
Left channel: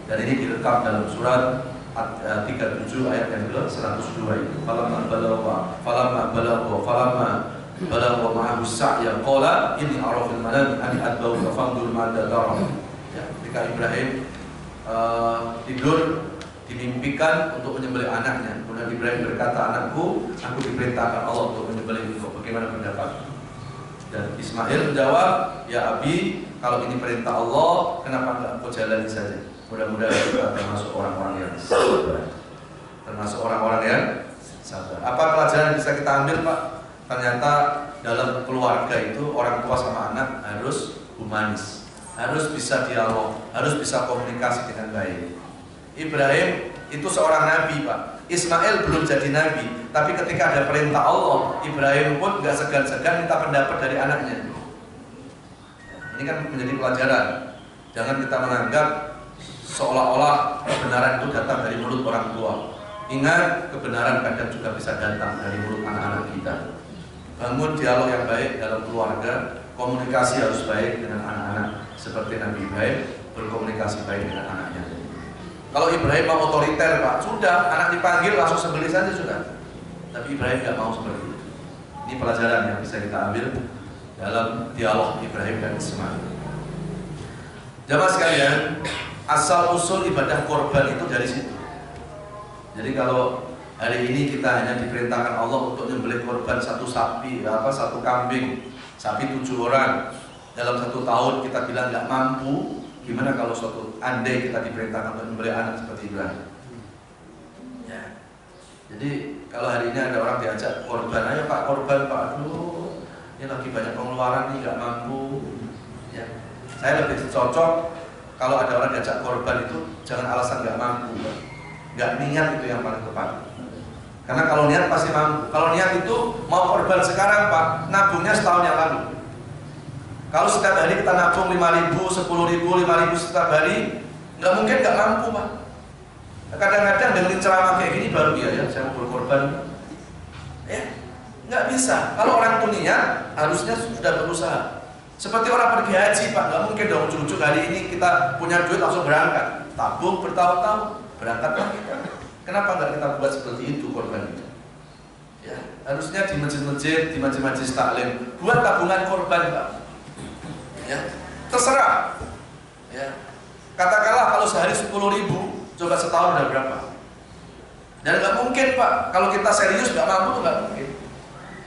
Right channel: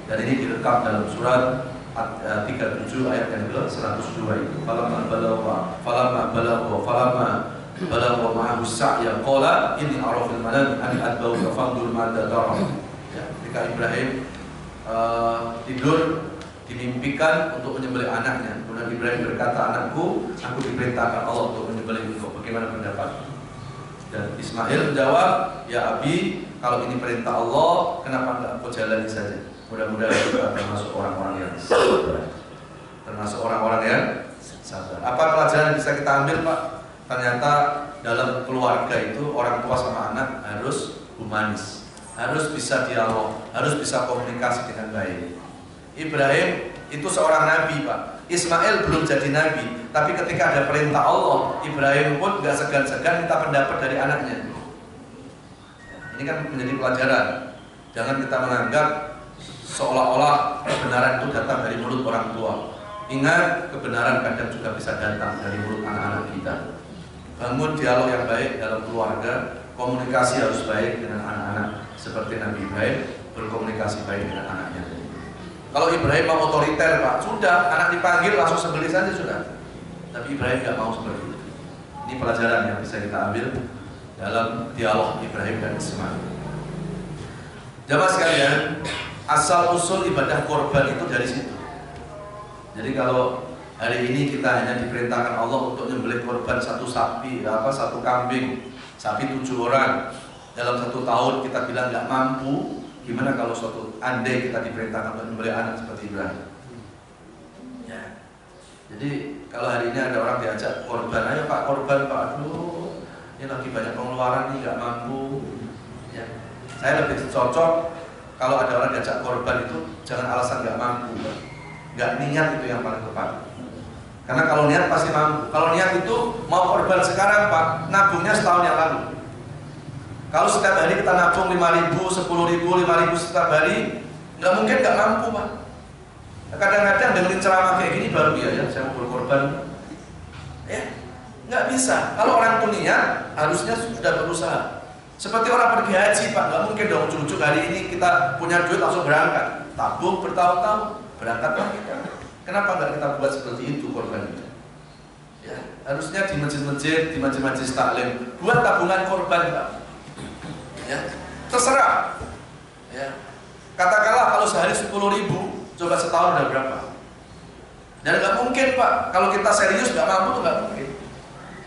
Dan ini direkam dalam surat 37 ayat yang ke-102 itu. Falamma balagha ma'ahu sa'ya qala inni ara fil manami an adbauka fanzur madza tara. Ya, ketika Ibrahim tidur dimimpikan untuk menyembelih anaknya. Kemudian Ibrahim berkata, anakku, aku diperintahkan Allah untuk menyembelih engkau. Bagaimana pendapat? Dan Ismail menjawab, ya Abi, kalau ini perintah Allah, kenapa enggak kau jalani saja? Mudah-mudahan kita termasuk orang-orang yang sabar. Termasuk orang-orang yang sabar. Apa pelajaran yang bisa kita ambil, Pak? Ternyata dalam keluarga itu orang tua sama anak harus humanis, harus bisa dialog, harus bisa komunikasi dengan baik. Ibrahim itu seorang nabi, Pak. Ismail belum jadi nabi, tapi ketika ada perintah Allah, Ibrahim pun gak segan-segan minta pendapat dari anaknya. Ini kan menjadi pelajaran. Jangan kita menganggap seolah-olah kebenaran itu datang dari mulut orang tua. Ingat, kebenaran kadang juga bisa datang dari mulut anak-anak kita. Bangun dialog yang baik dalam keluarga, komunikasi harus baik dengan anak-anak, seperti Nabi Ibrahim berkomunikasi baik dengan anaknya. Kalau Ibrahim mau otoriter, Pak, sudah, anak dipanggil langsung sembelih saja sudah. Tapi Ibrahim nggak mau seperti itu. Ini pelajaran yang bisa kita ambil dalam dialog Ibrahim dan Ismail. Jamaah sekalian, asal usul ibadah korban itu dari situ. Jadi kalau hari ini kita hanya diperintahkan Allah untuk menyembelih korban satu sapi, satu kambing, sapi 7 orang dalam 1 tahun, kita bilang nggak mampu. Gimana kalau suatu andai kita diperintahkan untuk menyembelih anak seperti Ibrahim? Ya. Jadi kalau hari ini ada orang diajak korban, ayo Pak korban Pak, aduh ini lagi banyak pengeluaran nih, nggak mampu. Ya, saya lebih cocok kalau ada orang diajak korban itu jangan alasan nggak mampu, nggak niat itu yang paling tepat. Karena kalau niat pasti mampu. Kalau niat itu mau korban sekarang Pak, nabungnya setahun yang lalu. Kalau setiap hari kita nabung 5.000, 10.000, 5.000 setiap hari, nggak mungkin nggak mampu Pak. Kadang-kadang dengerin ceramah kayak gini baru ya saya mau berkorban. Ya, nggak bisa. Kalau orang itu niat, harusnya sudah berusaha. Seperti orang pergi haji Pak, nggak mungkin dong ujuk-ujuk hari ini kita punya duit langsung berangkat. Tabung bertahun-tahun, berangkat lagi kan. Kenapa nggak kita buat seperti itu korban itu? Ya, harusnya di masjid-masjid, di majelis taklim buat tabungan korban Pak. Ya, terserah. Ya, katakanlah kalau sehari 10.000, coba setahun udah berapa? Dan nggak mungkin Pak, kalau kita serius nggak mampu tuh nggak mungkin.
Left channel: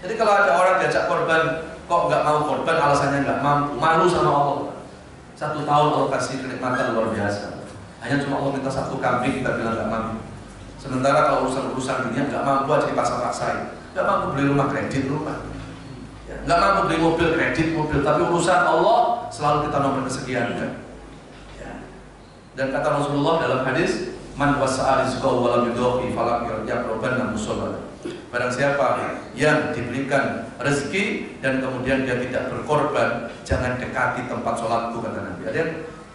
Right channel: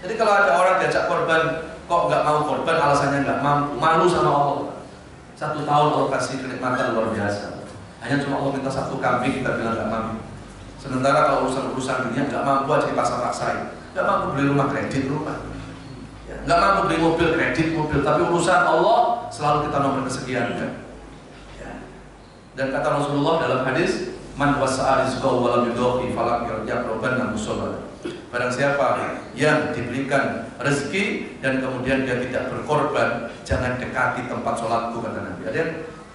Jadi kalau ada orang diajak korban, kok nggak mau korban, alasannya nggak mampu, malu sama Allah. 1 tahun Allah kasih kenikmatan luar biasa. Hanya cuma Allah minta 1 kambing, kita bilang nggak mampu. Sementara kalau urusan dunia nggak mampu aja dipaksa-paksain, nggak mampu beli rumah kredit rumah. Nggak mampu beli mobil kredit mobil, tapi urusan Allah selalu kita nomor kesekian kan. Ya. Dan kata Rasulullah dalam hadis, man wasa'a rizqahu wa lam yudhi falam yaqrabanna musalla. Barang siapa yang diberikan rezeki dan kemudian dia tidak berkorban, jangan dekati tempat sholatku, kata Nabi. Ada yang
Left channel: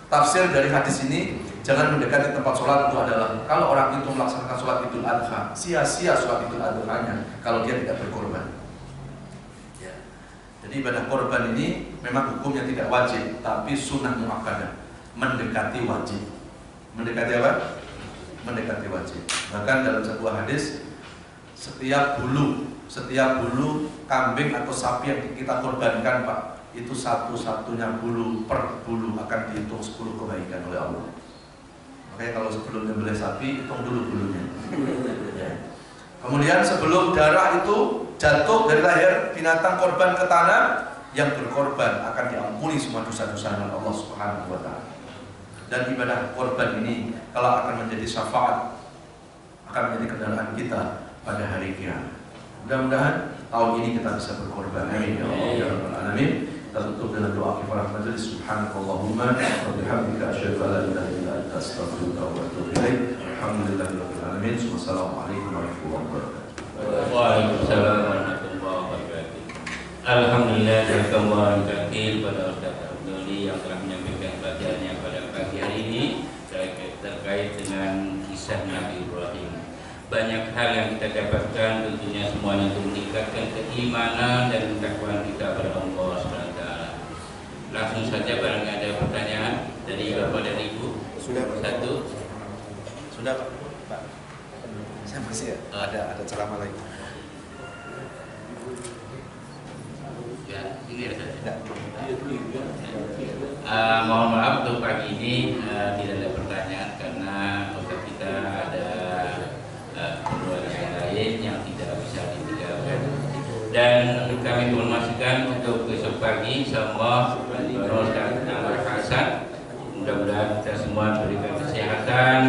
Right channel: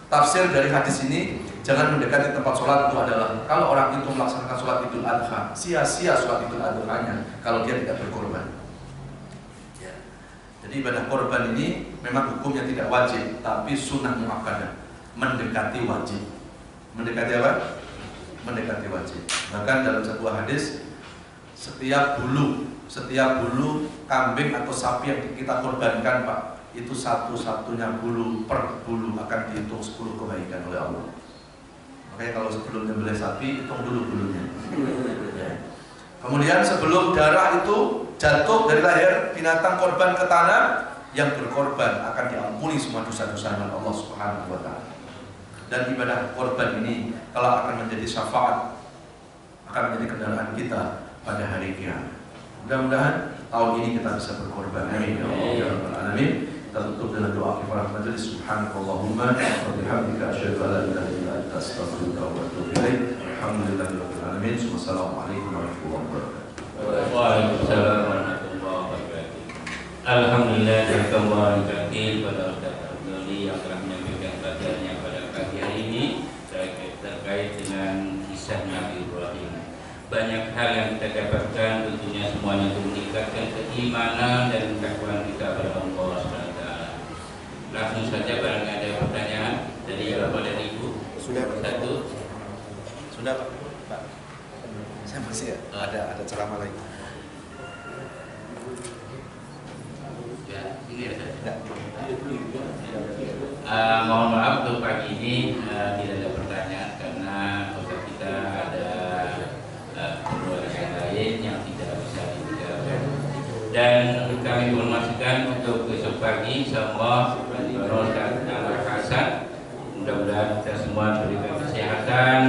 tafsir dari hadis ini, jangan mendekati tempat sholat itu adalah kalau orang itu melaksanakan sholat Idul Adha, sia-sia sholat Idul Adha-nya kalau dia tidak berkorban. Jadi ibadah korban ini memang hukumnya tidak wajib, tapi sunnah muakkadah, mendekati wajib. Mendekati apa? Mendekati wajib. Bahkan dalam sebuah hadis, setiap bulu kambing atau sapi yang kita korbankan Pak, itu satu-satunya bulu per bulu akan dihitung 10 kebaikan oleh Allah. Makanya kalau sebelum nyembelih sapi, hitung dulu bulunya. Kemudian sebelum darah itu jatuh dari leher binatang korban ke tanah, yang berkorban akan diampuni semua dosa-dosanya Allah Subhanahu wa taala. Dan ibadah korban ini kalau akan menjadi syafaat, akan menjadi kendaraan kita pada hari kiamat. Mudah-mudahan tahun ini kita bisa berkorban. Amin ya Allah ya rabbal alamin. Kita tutup dengan doa kifaratul majelis. Subhanakallahumma wa bihamdika asyhadu an la ilaha illa anta astaghfiruka wa atubu ilaik. Alhamdulillahirabbil alamin. Wassalamualaikum warahmatullahi wabarakatuh. Waalaikumsalam warahmatullahi wabarakatuh. Alhamdulillah dan kembali pada Ustaz Abdulli yang telah menyampaikan pelajarannya pada pagi hari ini terkait dengan kisah Nabi Ibrahim. Banyak hal yang kita dapatkan, tentunya semuanya untuk meningkatkan keimanan dan ketakwaan kita kepada Allah SWT. Langsung saja barangkali ada pertanyaan dari Bapak dan Ibu. Sudah satu. Sudah Pak. Saya masih ya. Ada ceramah lagi. Ya, ini ya saya. Ya. Mohon maaf untuk pagi ini tidak ada pertanyaan karena untuk kita ada keperluan yang lain yang tidak bisa ditinggalkan. Dan kami informasikan untuk besok pagi semua dan Anwar Hasan, mudah-mudahan kita semua berikan kesehatan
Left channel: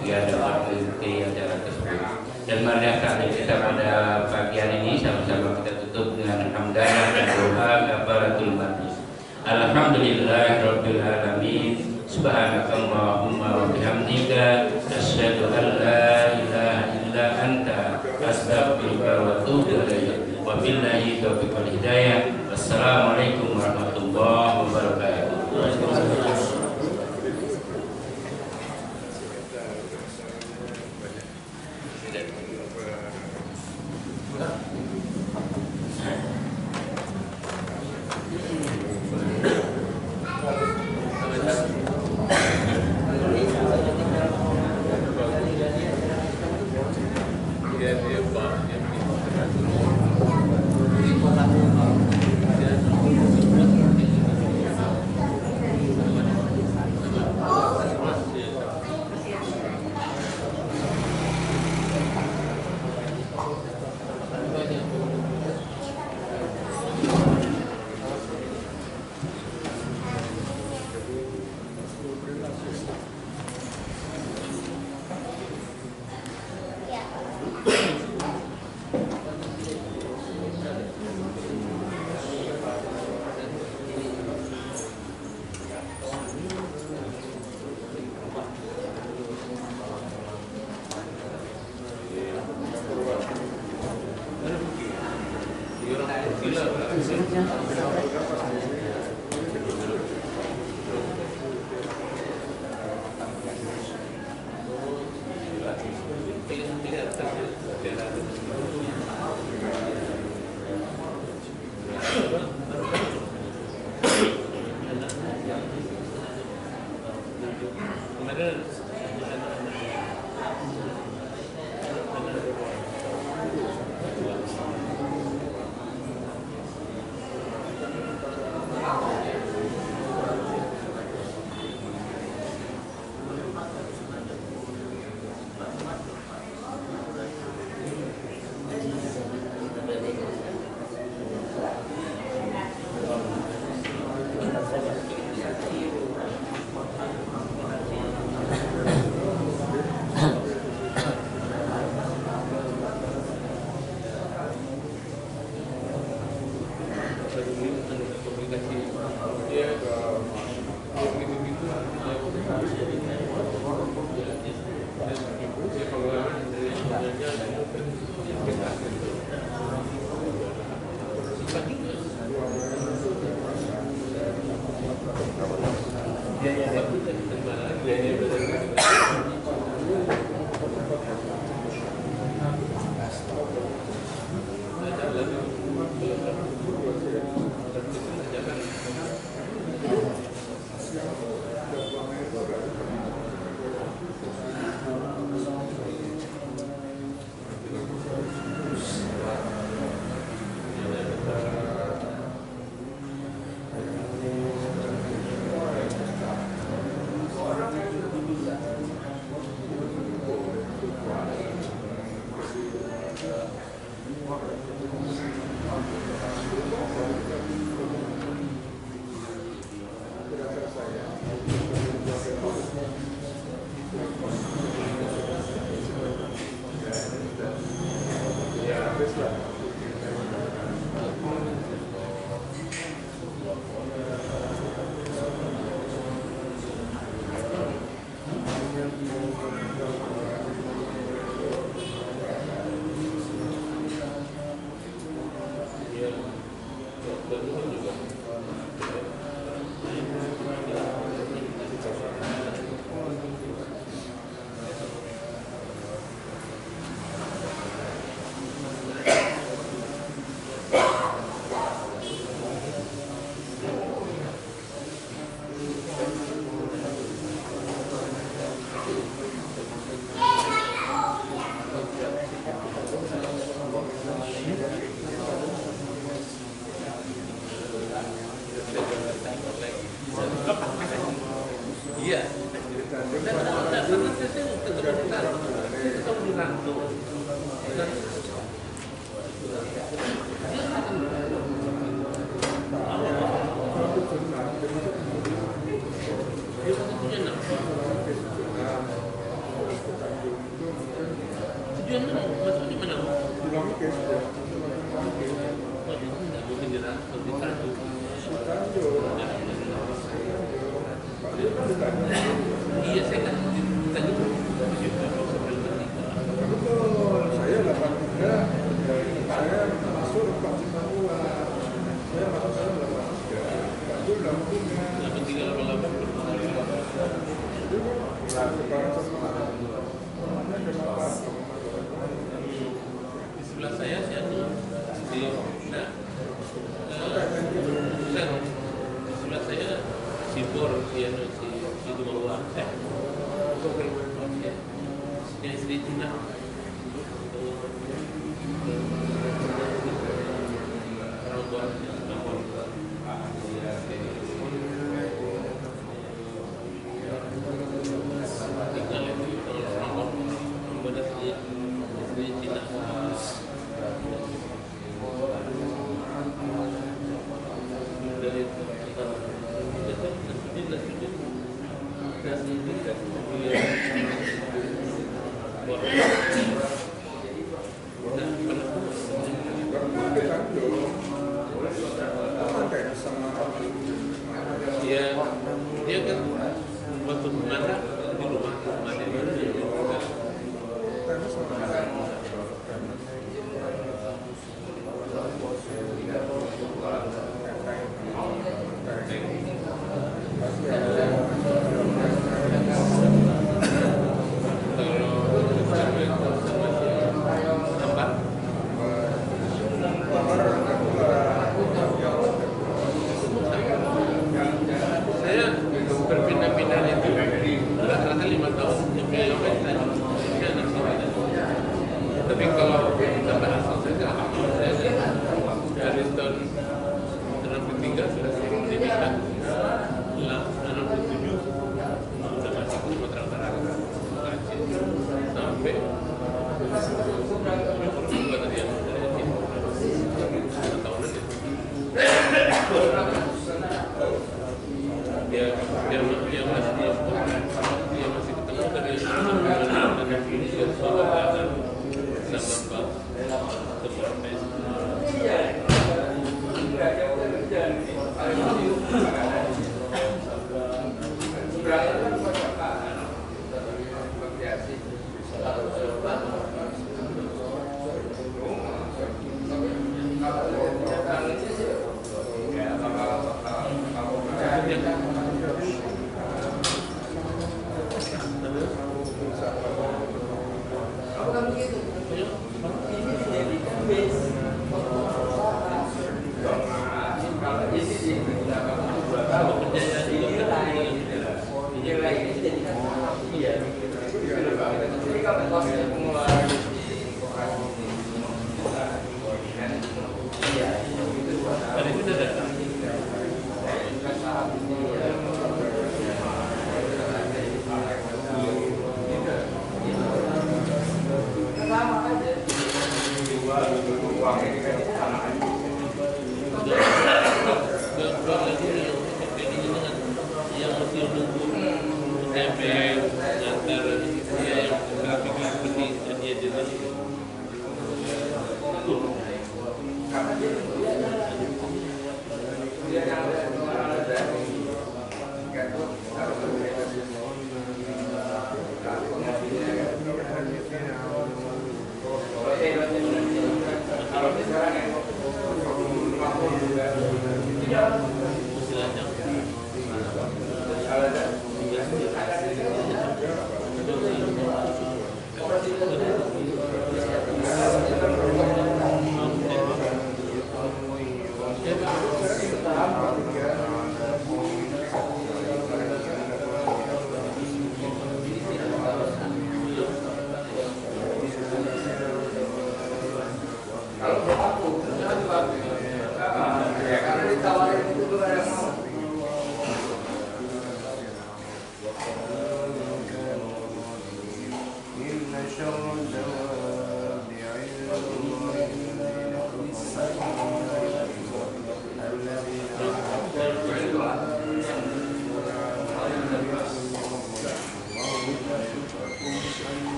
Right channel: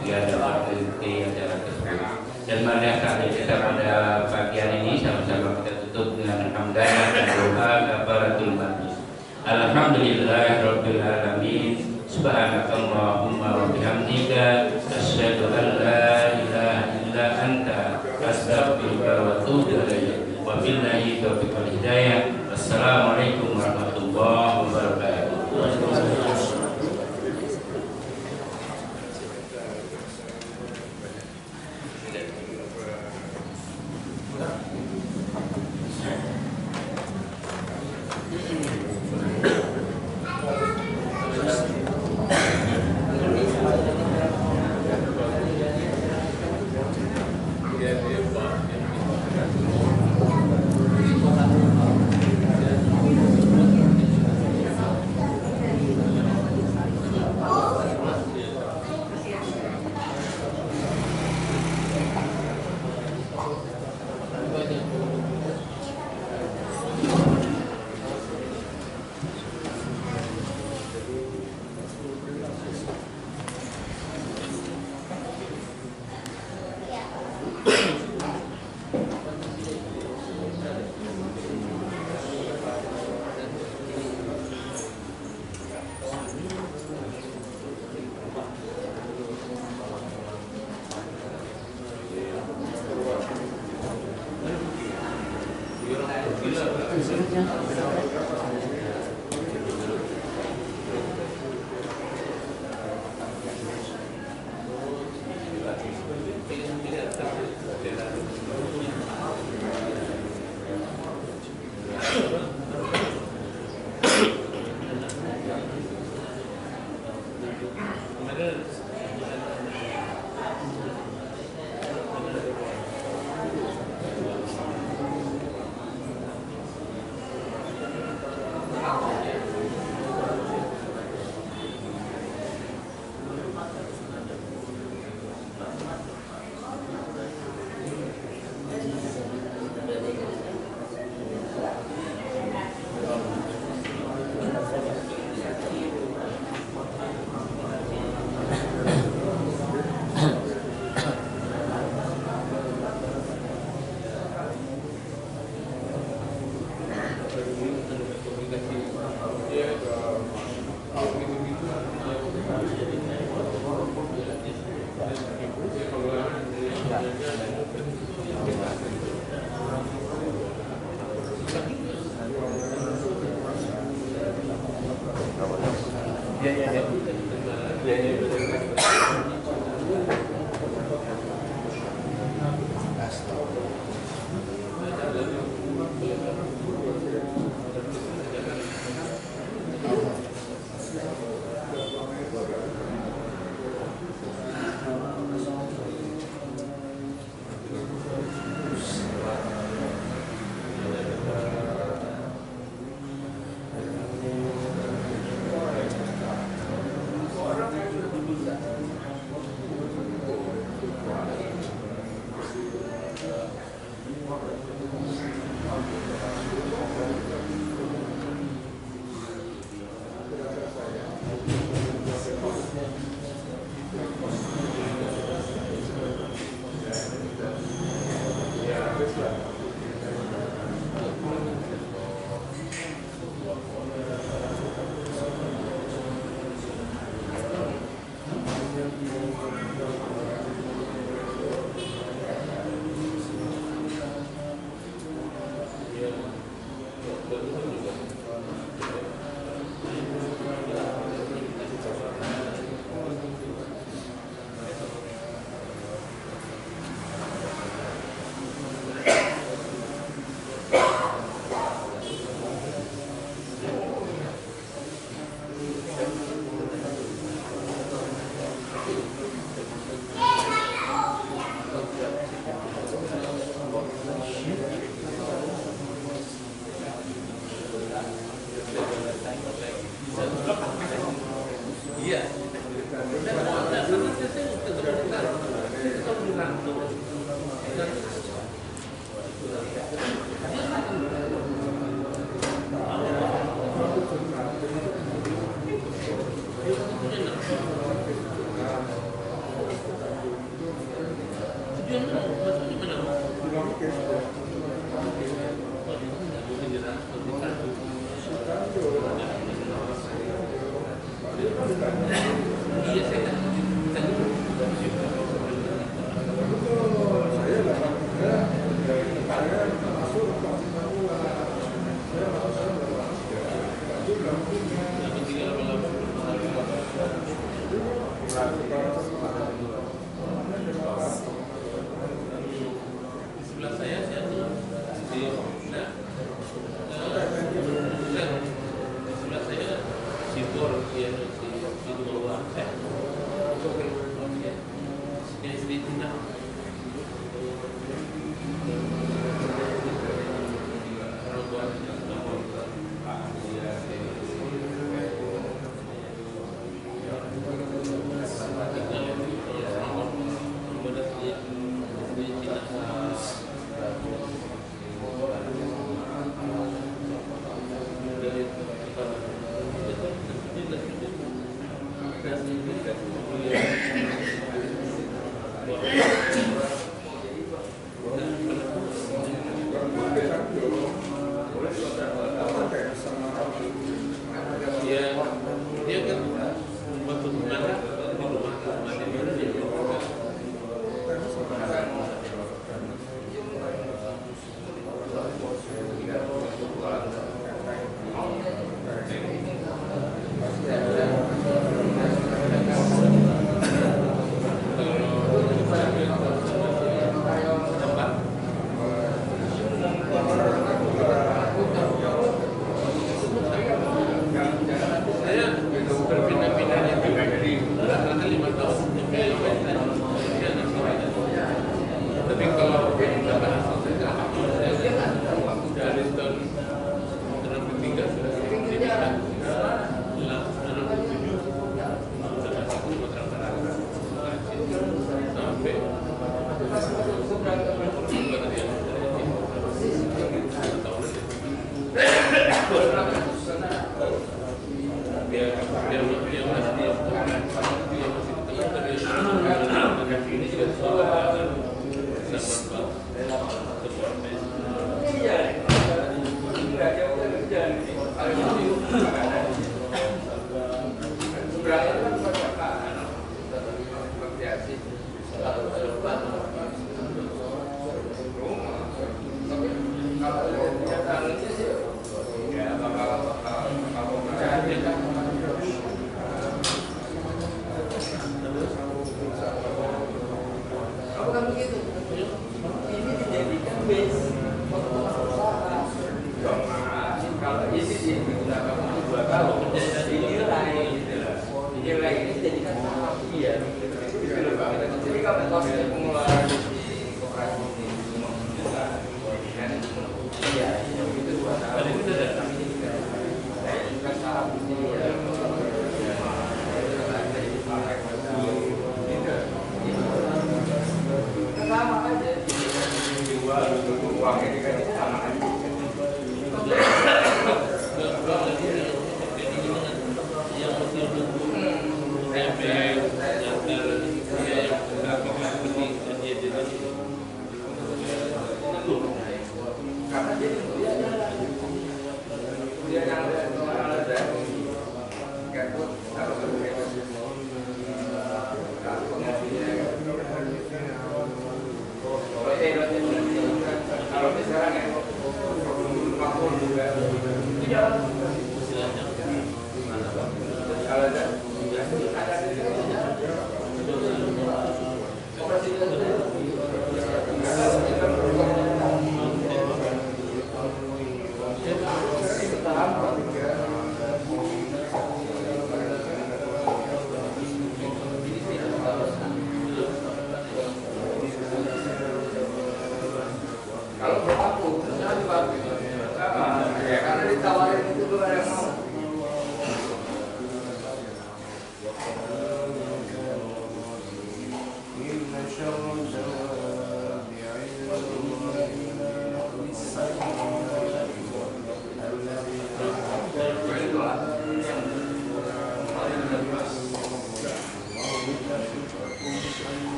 sehingga dapat mengikuti acara tersebut. Dan marilah saat kita pada pagi hari ini sama-sama kita tutup dengan hamdalah dan doa kafaratul majlis. Alhamdulillahirabbil alamin. Subhanakallahumma wa bihamdika asyhadu an la ilaha illa anta astaghfiruka wa atubu ilaik. Wa billahi taufiq wal hidayah. Wassalamualaikum warahmatullahi wabarakatuh.